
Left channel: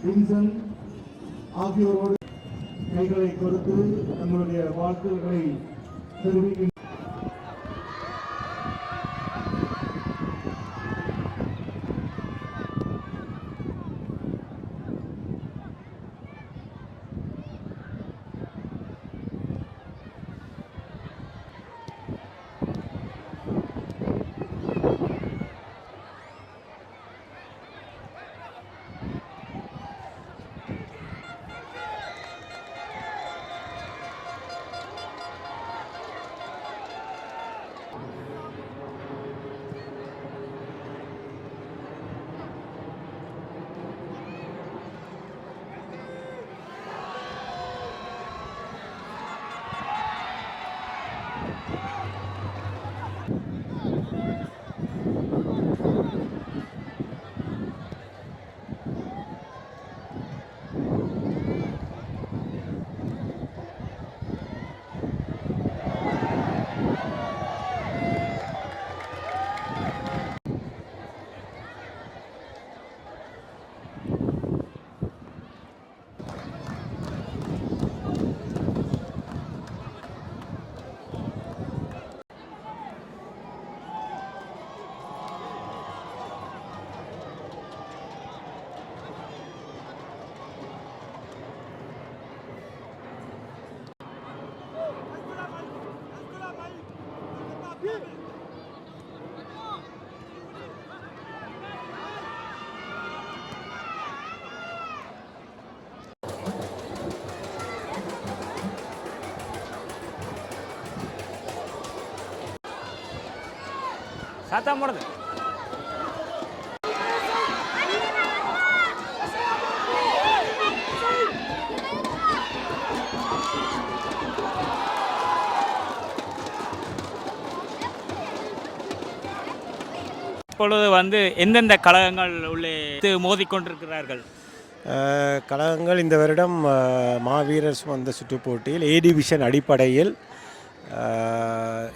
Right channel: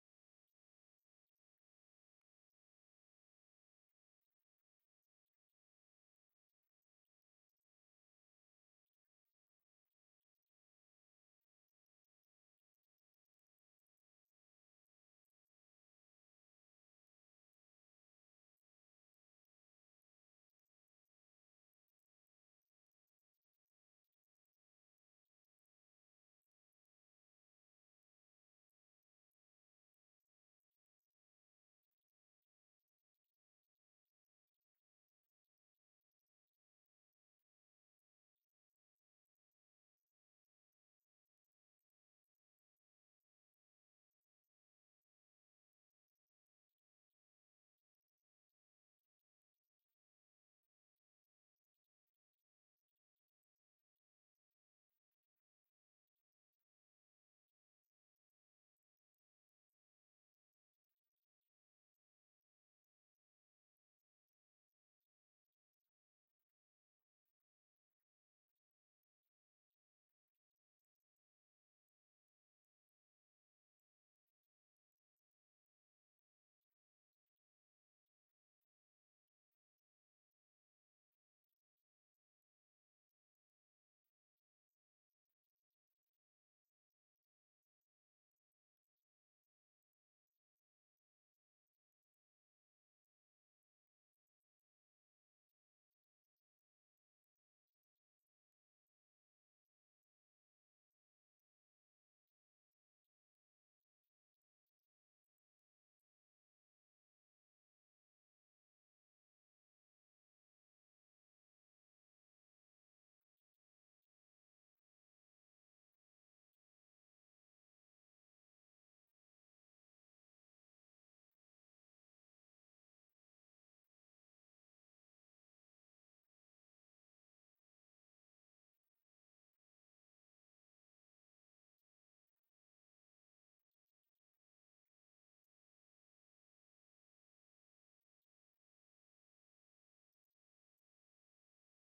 வின்சன் ஆகியோரோடு கைகளை கொடுத்து தங்களுடைய வாழ்த்துக்களை தெரிவிக்கின்றனர். சத்தம் போடுது. இப்பொழுது வந்து எந்தெந்த கழகங்கள் உள்ளே மோதிக்கொண்டிருக்கிறார்கள்? கழகங்கள் இந்த வருடம் மாவீரர் சுமந்த சுற்றுப் போட்டியில் ஏ டிவிஷன் அடிப்படையில்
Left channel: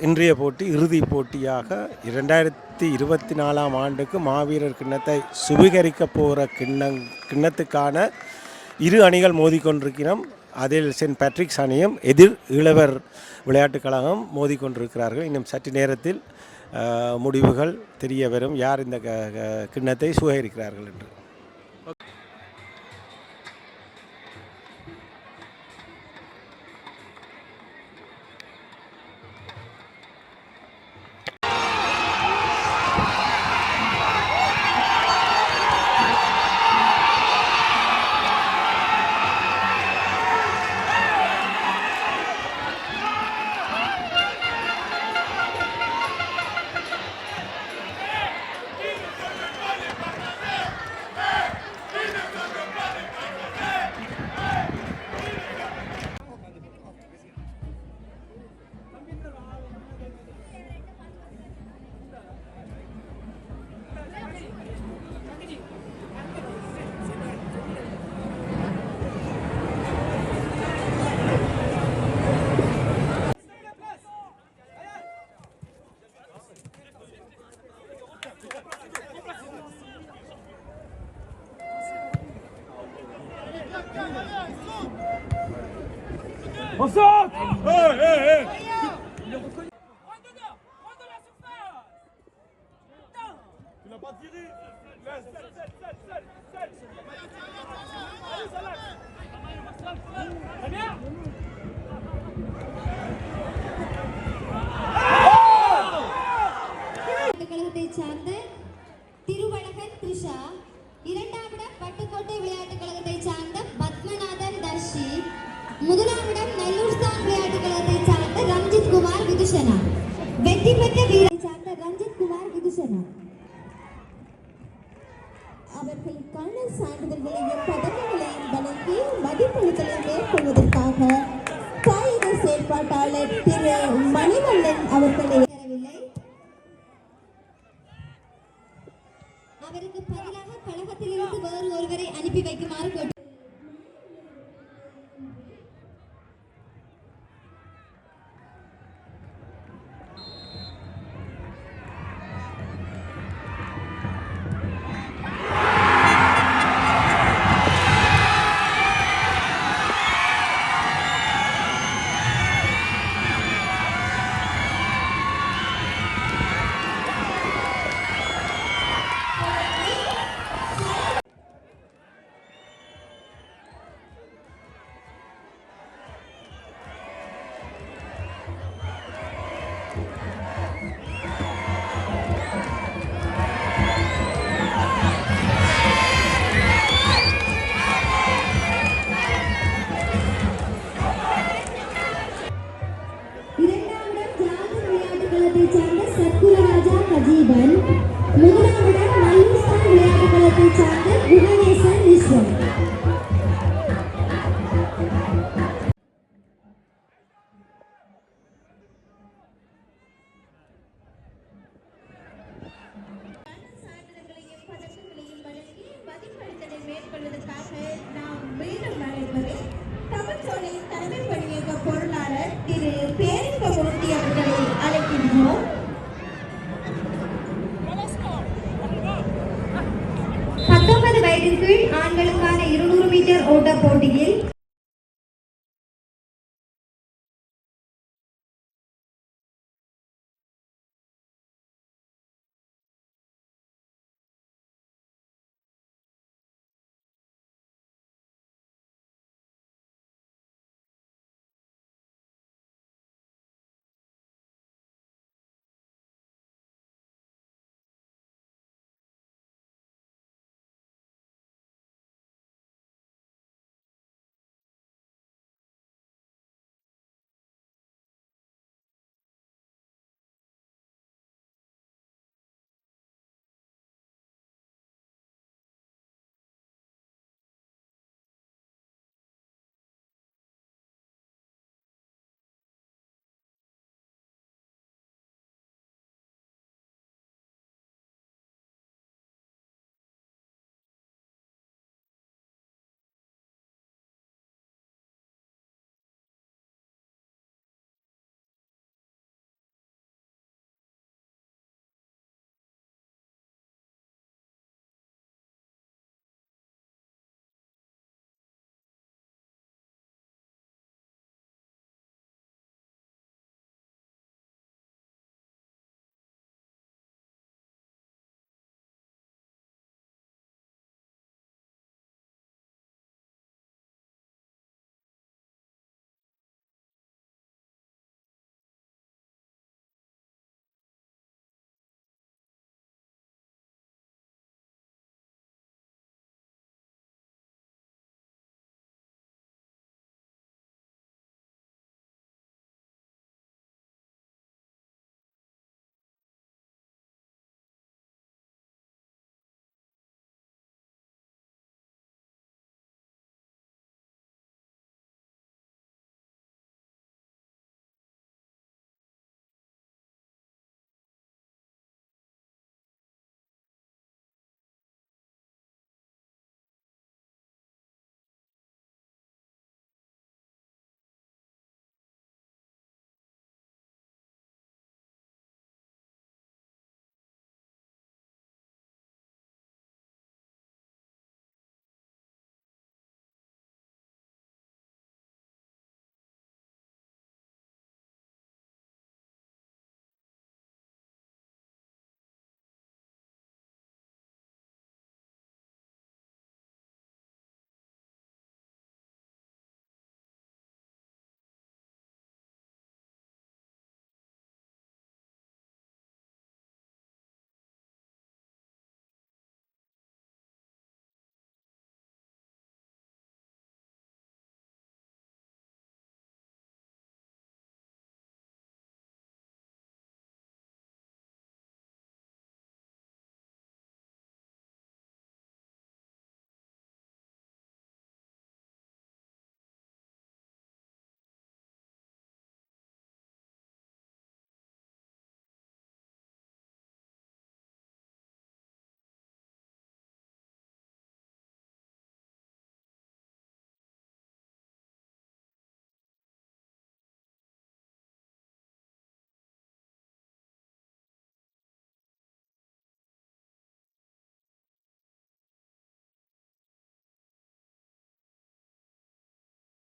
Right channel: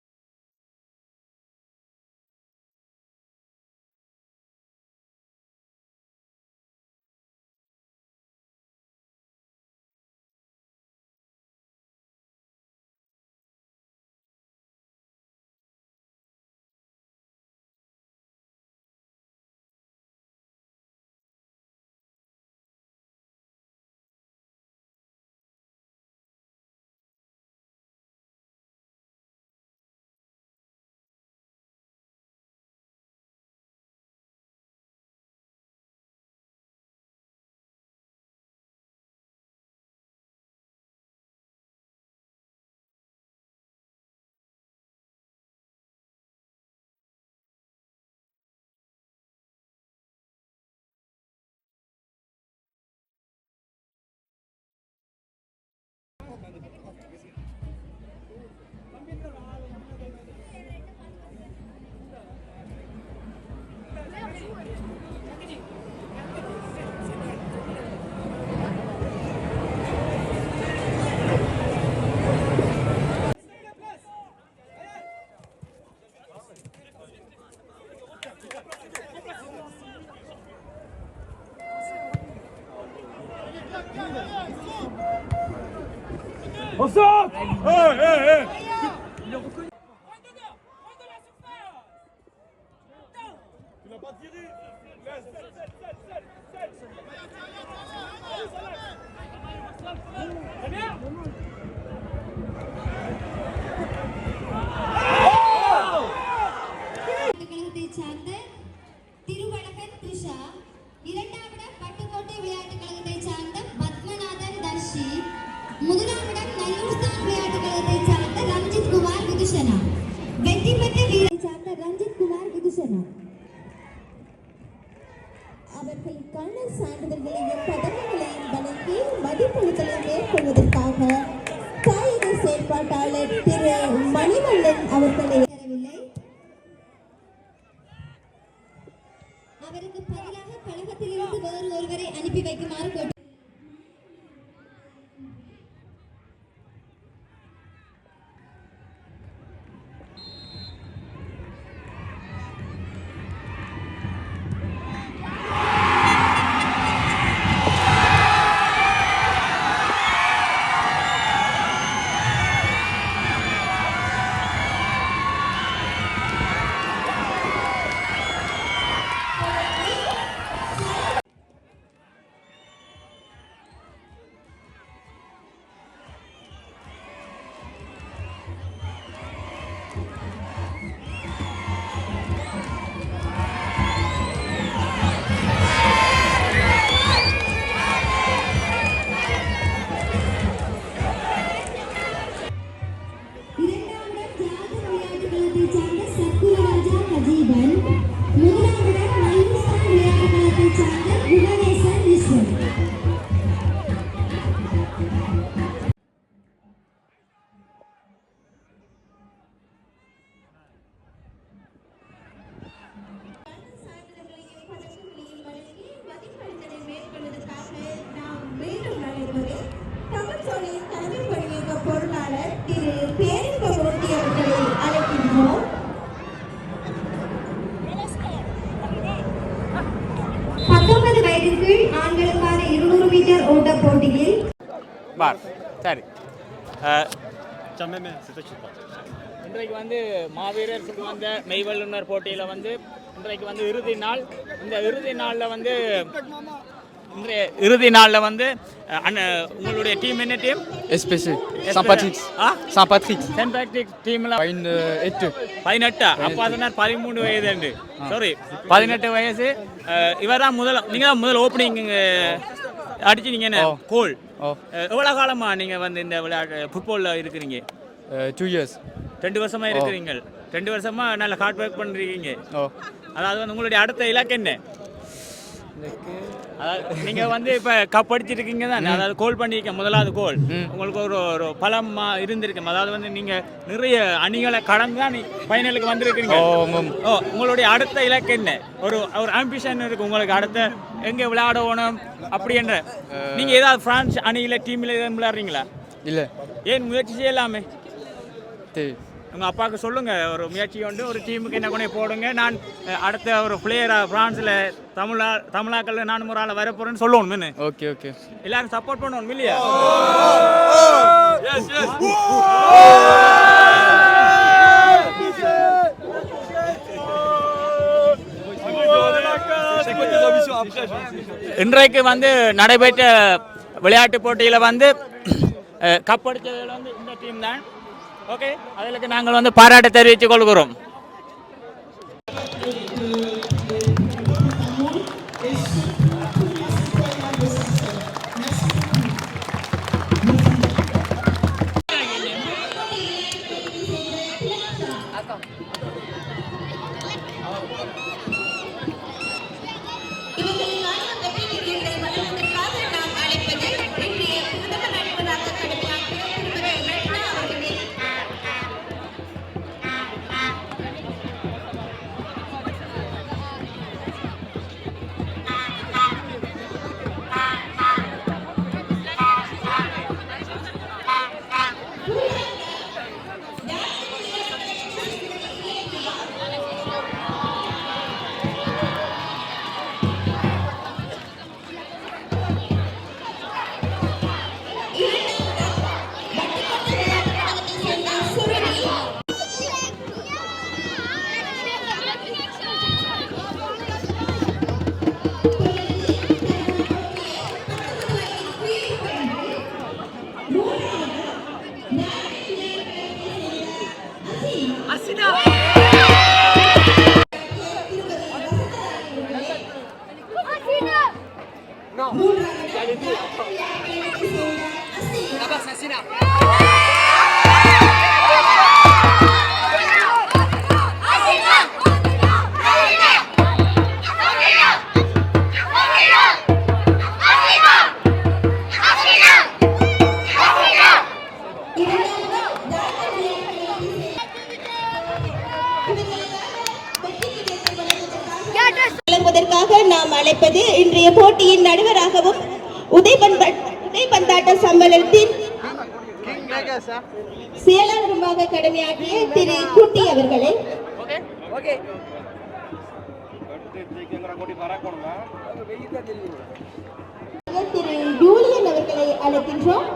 இன்றைய போட்டி இறுதிப் போட்டியாக 2024 ஆண்டுக்கு மாவீரர் கிண்ணத்தை சுவீகரிக்க போகிற கிண்ணத்துக்கான இரு அணிகள் மோதிக்கொண்டிருக்கிறோம். அதில் சென்ட் பேட்ரிக்ஸ் அணியும் எதிர் இளவர் விளையாட்டுக் கழகம் மோதிக்கொண்டிருக்கிறார்கள். இன்னும் சற்று நேரத்தில் முடிவுகள் தெரிய வரும், யார் இந்த கிண்ணத்தை சுவீகரிக்கிறார்கள் என்று. கழகத்தை சார்ந்த திருவழகன் த்ரிஷா, இரண்டாம் இடம் பட்டுக்கோட்டை விளையாட்டுக் கழகத்தை சார்ந்த பத்மநாதன் தர்ஷி, முதலாம் இடம் நல்லூர்தான் விளையாட்டுக் கழகத்தை சார்ந்த ரஞ்சித் குமார் விதுஷனா, வெற்றி பெற்ற வீரரை சார்ந்த ரஞ்சித் குமார் விதுஷனா அவர்களுக்கான சான்றிதழ்களையும் பதக்கங்களையும் வழங்கி மதிப்பளித்தலை மேற்கொள்வதற்காக காயிக செயற்பாட்டாளர் திரு மணிவண்ணன் அவர்களை தரவில்லை. அவருக்கு பதிலாக கழகத்திலிருந்து வேறு ஒருவரை அனுப்பி வைக்குமாறு கேட்டு ஆண்களுக்கான 200 மீட்டர் ஓட்ட போட்டியில் சரி இன்றைக்கு வந்து மாவீரர் சுமந்த மெய்வல்லுநர் போட்டியில் வந்து இன்றைக்கு வந்து இறுதி நாள். இந்த இறுதி நாளில் வந்து இன்றைய இறுதி நாளில் வந்து உங்களுடைய டீம் என்ன team? SPC Saint-Patrick. Saint-Patrick. Saint-Patrick டீம்ல 18. அப்போ அதனால் 13 வயது. சாரி 18 வயசு. இவர் தான் நீங்க தான் முதல் ஓப்பனிங் அடிச்சு நீங்க என்ன கோல். எவ்வளவு காலமா நீங்க வந்து இந்த விளையாட்டு ஃபுட்பால்ல இருக்கிறீங்க? 2 years. 2 வருஷமா இருக்கிறீங்க. 2 வருஷமா நல்ல ஹார்ட் ஒர்க் பண்ணிருக்கீங்க. அதாவது வந்து உங்களுடைய அடுத்த இலக்கு என்ன? அதாவது நீங்க வந்து இப்ப கப் அடிச்சிருக்கீங்க தானே, அதாவது கோல் பண்ணிருக்க முதலாவது கோல் உங்களுக்கு ஒரு பலம் இருந்திருக்கு. அதாவது வந்து நீங்க நிறைய அணிகளை கடந்து தான் ஃபைனலுக்கு வந்திருக்கீங்க. உங்களுடைய அடுத்த இலக்கு என்ன? ஒரு ஆம்பிஷன் இருக்கு உங்களுக்கு, அடுத்த எங்க விளையாடணும் அப்படி என்ற. நீங்க ஏதாவது பிரான்ஸ் அணியில டீம்ல விளையாடுறீங்களா? இல்ல. ஏன் முயற்சி செய்யலாமே? உங்கள் அப்பாவுக்கு சொல்லுங்கள், ஒரு முயற்சி கொண்டு ஒரு டீமுக்கு என்ன கொண்டு போடுங்க, நான் அடுத்த ஒரு பிளேயராக ஃப்ரான்ஸில் தமிழாக்களில் நான் ஒரு ஆளை வரப்போகிறேன்னு சொல்லணும். ஓகே ஓகே, எல்லாரும் சப்போர்ட் பண்ணணும் இல்லையா? இன்றைக்கு வந்து நடைபெற்ற விளையாட்டு போட்டியில் வந்து கப் அடித்ததில் வந்து இந்த டீம் தான். ஓகே, அதுக்கு நாங்கள் வந்து பாராட்டு தெரிவித்துக் கொள்கிறோம். நாம் அழைப்பது இன்றைய போட்டியின் நடுவராகவும் உதைபந்தாட்ட சம்மேளனத்தின் செயலாளருமாக கடமையாற்றிய திரு குட்டி அவர்களை திரு ஜூலியன் அவர்களை அழைக்கின்றோம்.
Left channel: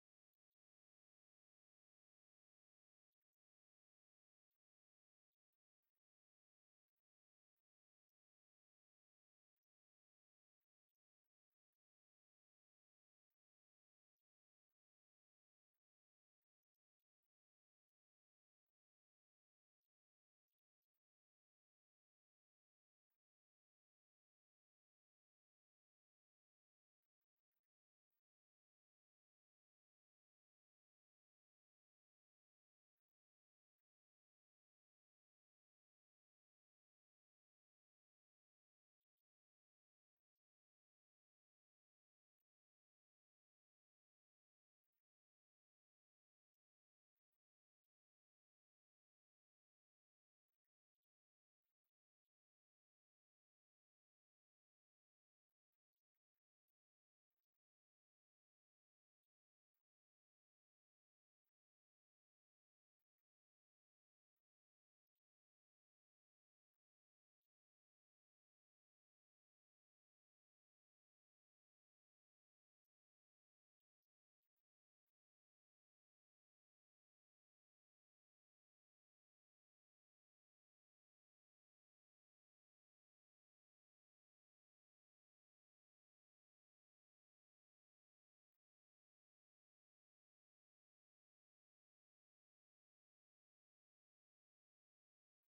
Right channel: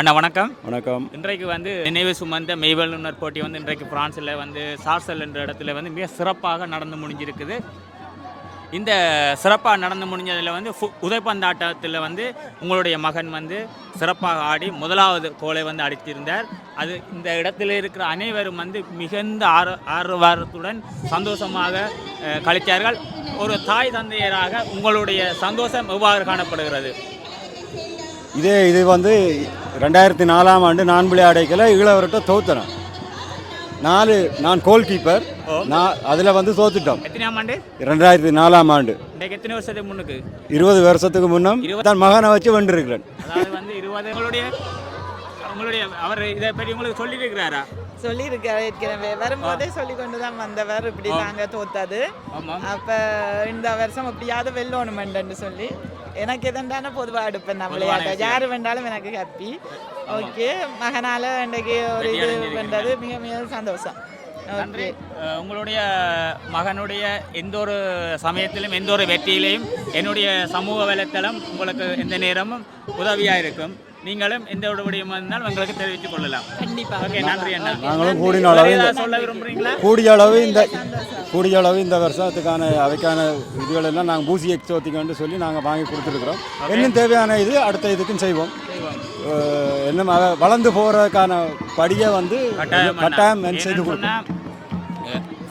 அண்ணா வணக்கம். வணக்கம். இன்றைக்கு வந்து நினைவு சுமந்த மெய்வல்லுநர் போட்டி வந்து இன்றைக்கு பிரான்ஸில் வந்து சார்சல் என்ற இடத்துல வந்து மிக சிறப்பாக நடந்து முடிஞ்சிருக்குது. இந்த சிறப்பாக நடந்து முடிஞ்சதில் வந்து உதைப்பந்தாட்டத்தில் வந்து உங்களுடைய மகன் வந்து சிறப்பாக ஆடி முதலாவது கோலை வந்து அடித்திருந்தார். அது இந்த இடத்துல இருக்கிற அனைவரும் வந்து மிகுந்த ஆர்வத்துடன் சந்தோஷமாக கழித்தார்கள். ஒரு தாய் தந்தையராக உங்களுடைய சந்தோஷம் எவ்வாறு காணப்படுகிறது? இது வந்து 2004ஆம் ஆண்டு நான் விளையாடைக்கல இளவர்கிட்ட தோத்துறேன். நான் கோல் கீப்பர். அதில் வந்து தோத்துட்டோம். எத்தனாம் ஆண்டு? 2004ஆம் ஆண்டு. எத்தனை வருஷத்துக்கு முன்னுக்கு? 20 வருஷத்துக்கு முன்னும் தான் மகனை வச்சு வென்றிருக்கிறேன். அதாவது வந்து 20 உங்களுடைய அவர் இதை பற்றி உங்களுக்கு சொல்லியிருக்கிறாரா? சொல்லியிருக்காரு, ஏற்கனவே வரும்போதே சொல்லி கொண்டு தான் வந்தவர். இப்படி நாங்கள் தோத்தது, அப்போ இந்த வருஷம் எப்படியாவது வெல்லணுமெண்டு சொல்லி எனக்கு எதண்டான பொதுவாக எடுப்பேன். நான் விளையாட்ட யார் வேண்டாலும் எனக்கு ஹாப்பி. ஓகே, மகனால் இன்றைக்கு ஒரு இது பண்ணுறது மிக மிக சந்தோஷம். நன்றி. உங்களுடைய மகனுடைய எந்த ஒரு சமயத்திலும் எந்த ஒரு வெற்றியிலையும் என்னுடைய சமூக வலைத்தளம் உங்களுக்கு எந்த நேரமும் உதவியாக இருக்கும். நீங்களும் எந்த ஒரு விடயமா இருந்தாலும் எங்களுக்கு தெரிவித்துக் கொள்ளலாம். கண்டிப்பாக. ஓகே, நன்றி அண்ணா. நாங்களும் கூடின அளவு சொல்ல விரும்புறீங்களா? கூடிய அளவு இந்த வருஷத்துக்கான அவைக்கான இதுகள் எல்லாம் நாங்கள் பூசி எக்ஸோத்திக்கன்னு சொல்லி நாங்கள் வாங்கி கொடுத்துருக்குறோம். இன்னும் தேவையான இது அடுத்த இதுக்கும் செய்வோம். இன்னும் வளர்ந்து போகிறதுக்கான படியை வந்து கட்டாயம் செய்து கொடுப்போம்.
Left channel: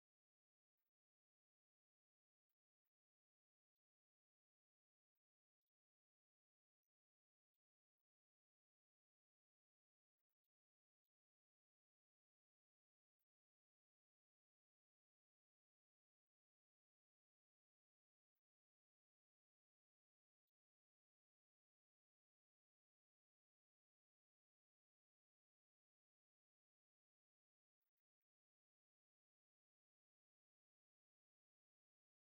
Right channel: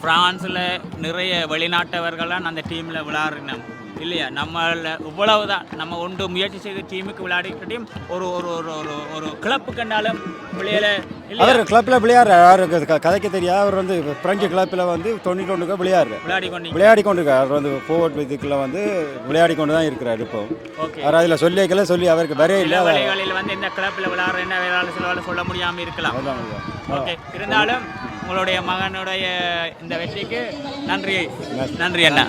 பிரான்ஸில் நிறைய வெளிநாட்டவர்கள்லாம் அந்த டீமில் விளையாடுறோம் இல்லையா? நம்மள இவ்வளவுதான் நம்ம ஒன்று முயற்சி செய்த டீமுக்கு விளையாடிக்கிட்டையும் ஒரு ஒரு ஒரு ஒரு ஒரு கிளப்பு கண்டாலும் விளையாட அவர் கிளப்பில் விளையாடுறாரு. கதைக்கு தெரியாது. அவர் வந்து பிரெஞ்சு கிளப்பில் வந்து 91 விளையாடி கொண்டிருக்கார். அவர் வந்து ஃபோர்வர்ட் இதுக்குள்ள வந்து விளையாடி கொண்டு தான் இருக்கிறார். இப்போ அவர் அதில் சொல்லி அவருக்கு வரே இல்லை. வேலைகளில் வந்து இந்த கிளப்பில் விளையாடுற என்ன வேளாளர் சிலவால் சொல்ல முடியாமல் இருக்கலாம். ஓகே, இருந்தாலும் உங்களுடைய மகனுடைய இந்த வெற்றிக்கு நன்றி அண்ணா.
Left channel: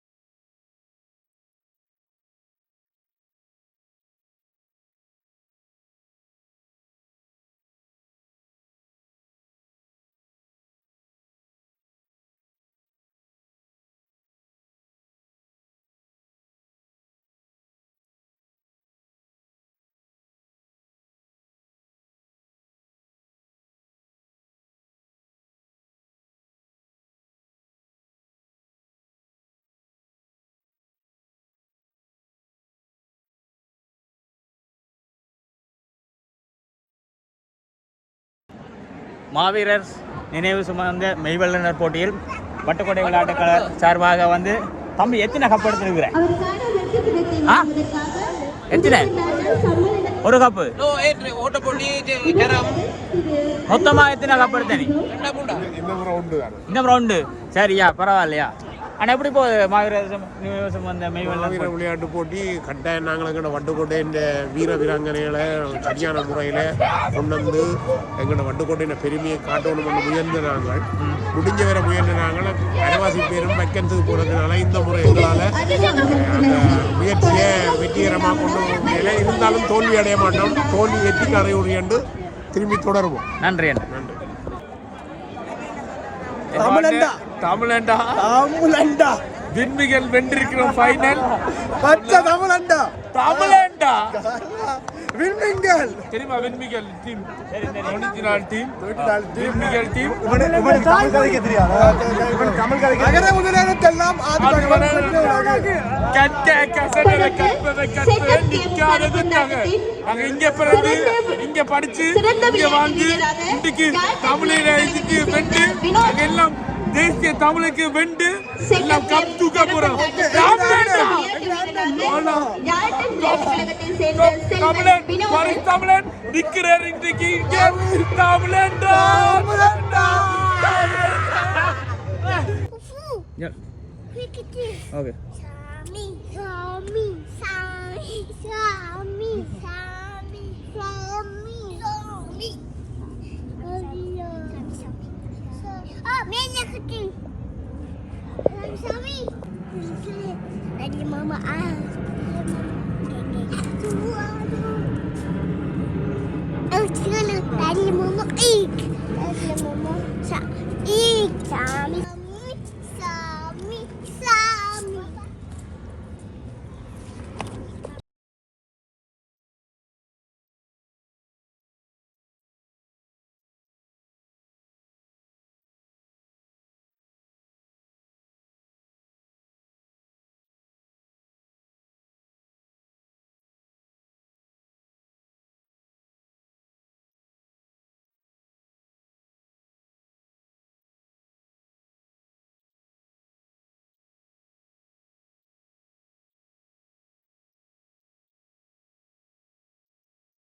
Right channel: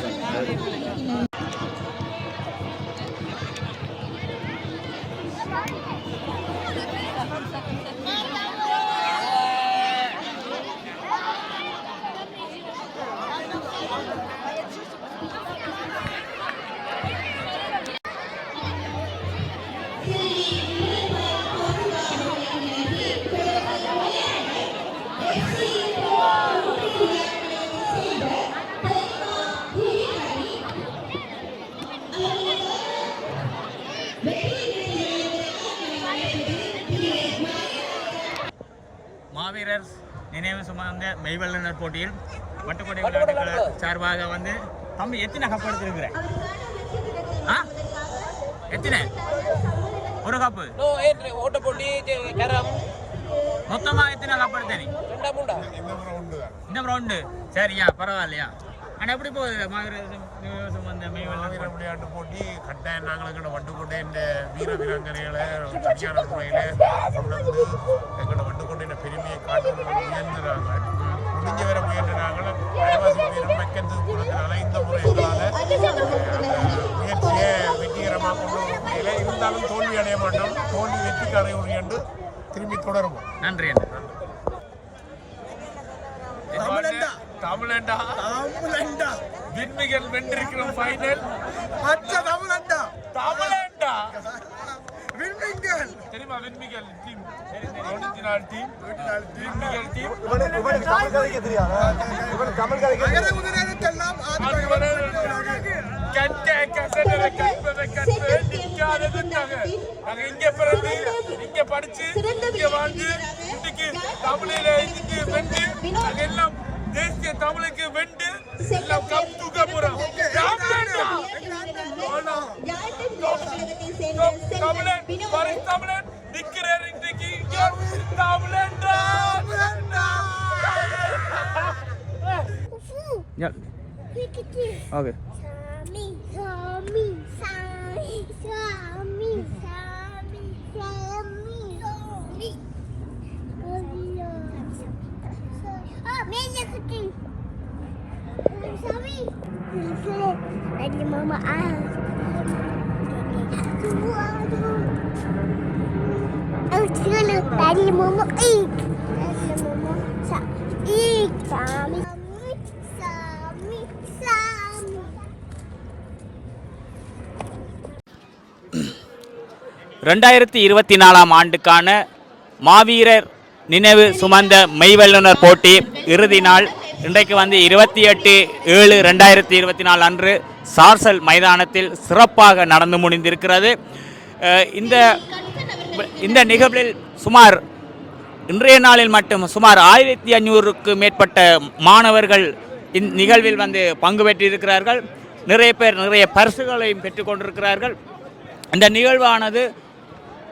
மாவீரர் நினைவு சுமந்த மெய்வல்லுநர் போட்டியில் வட்டுக்கோட்டை விளையாட்டுக்கள சார்பாக வந்து தம்பி எத்தனை கப் எடுத்துருக்கிறேன்? எத்தனை? ஒரு கப்பு. மொத்தமா எத்தனை கப் எடுத்தேன்? இந்த ரவுண்டு. சரியா, பரவாயில்லையா? ஆனால் எப்படி போகுது மாவீரர் வந்த மெய்வல்லுநர் விளையாட்டு போட்டி? கட்டாயம் நாங்கள் எங்களோட வட்டுக்கோட்டை இந்த வீரவீராங்கனைகளை சரியான முறையில் கொண்டு வந்து எங்களோட வட்டுக்கோட்டையின் பெருமையை காட்டணும்னு முயன்ற நாங்கள் முடிஞ்ச வர முயன்ற நாங்கள் அரைவாசி பேரும் வைக்கிறதுக்கு போனதுனால இந்த முறை எங்களால் அந்த முயற்சியை வெற்றிகரமாக கொண்டு முடியல. இருந்தாலும் தோல்வி அடைய மாட்டோம். தோல்வி வெற்றிக்கு அறையுடைய என்று திரும்பி தொடருவோம். நன்றி நன்றி. தமிழண்டா விண்மிகள் வென்றிருக்கிறோம். ஃபைனல் தமிழண்டா விண்மிகள் தெரியுமா? விண்மிகள் டீம் 94 டீம் விண்மிகள் டீம். இங்க பிறந்து இங்க படிச்சு இங்க வாழ்ந்து இன்னைக்கு தமிழில இதுக்கு வென்று எல்லாம் தேசிய தமிழுக்கு வென்று எல்லாம் கப் தூக்க போறோம். தமிழன் தமிழன் நிற்கிறார் இன்றைக்கு தமிழன்டா. Okay, Ada mama ah. Oh, cina ada mama ik. Ada mama sa ik sami. Sami. 2024 ஆண்டுக்கான மாவீரர் நினைவு சுமந்த மெய்வல்லுநர் போட்டி இறுதி நாள் இன்றைக்கு வந்து 28/7/2024 அன்று சார்சல் மைதானத்தில் சிறப்பாக நடந்து முடிந்திருக்கிறது. இந்த நிகழ்வில் சுமார் இன்றைய நாளில் மட்டும் சுமார் 1500க்கு மேற்பட்ட மாணவர்கள் இந்நிகழ்வில் வந்து பங்கு பெற்றிருக்கிறார்கள். நிறைய பேர் நிறைய பரிசுகளையும் பெற்றுக்கொண்டிருக்கிறார்கள். இந்த நிகழ்வானது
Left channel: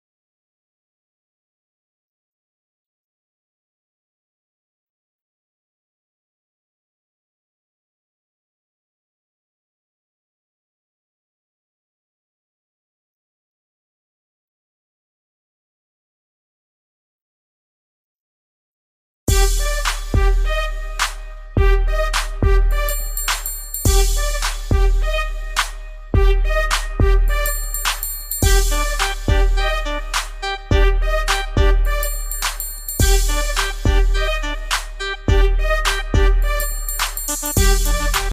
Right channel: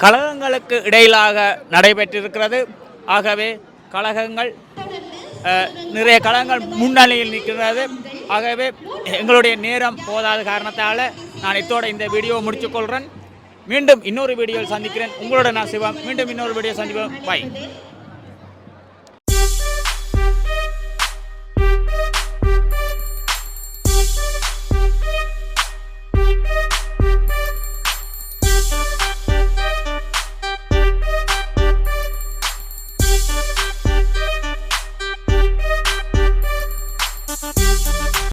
கழகங்களுக்கு இடையிலாக நடைபெற்றிருக்கிறது. ஆகவே கழகங்கள் நிறைய கழகங்கள் முன்னணியில் நிற்கிறது. ஆகவே எங்களுடைய நேரம் போதாத காரணத்தால் நான் இதோட இந்த வீடியோவை முடித்துக்கொள்கிறேன். மீண்டும் இன்னொரு வீடியோவில் சந்திக்கிறேன். உங்களோட நான் சிவம். மீண்டும் இன்னொரு வீடியோ சந்திப்போம். பாய்.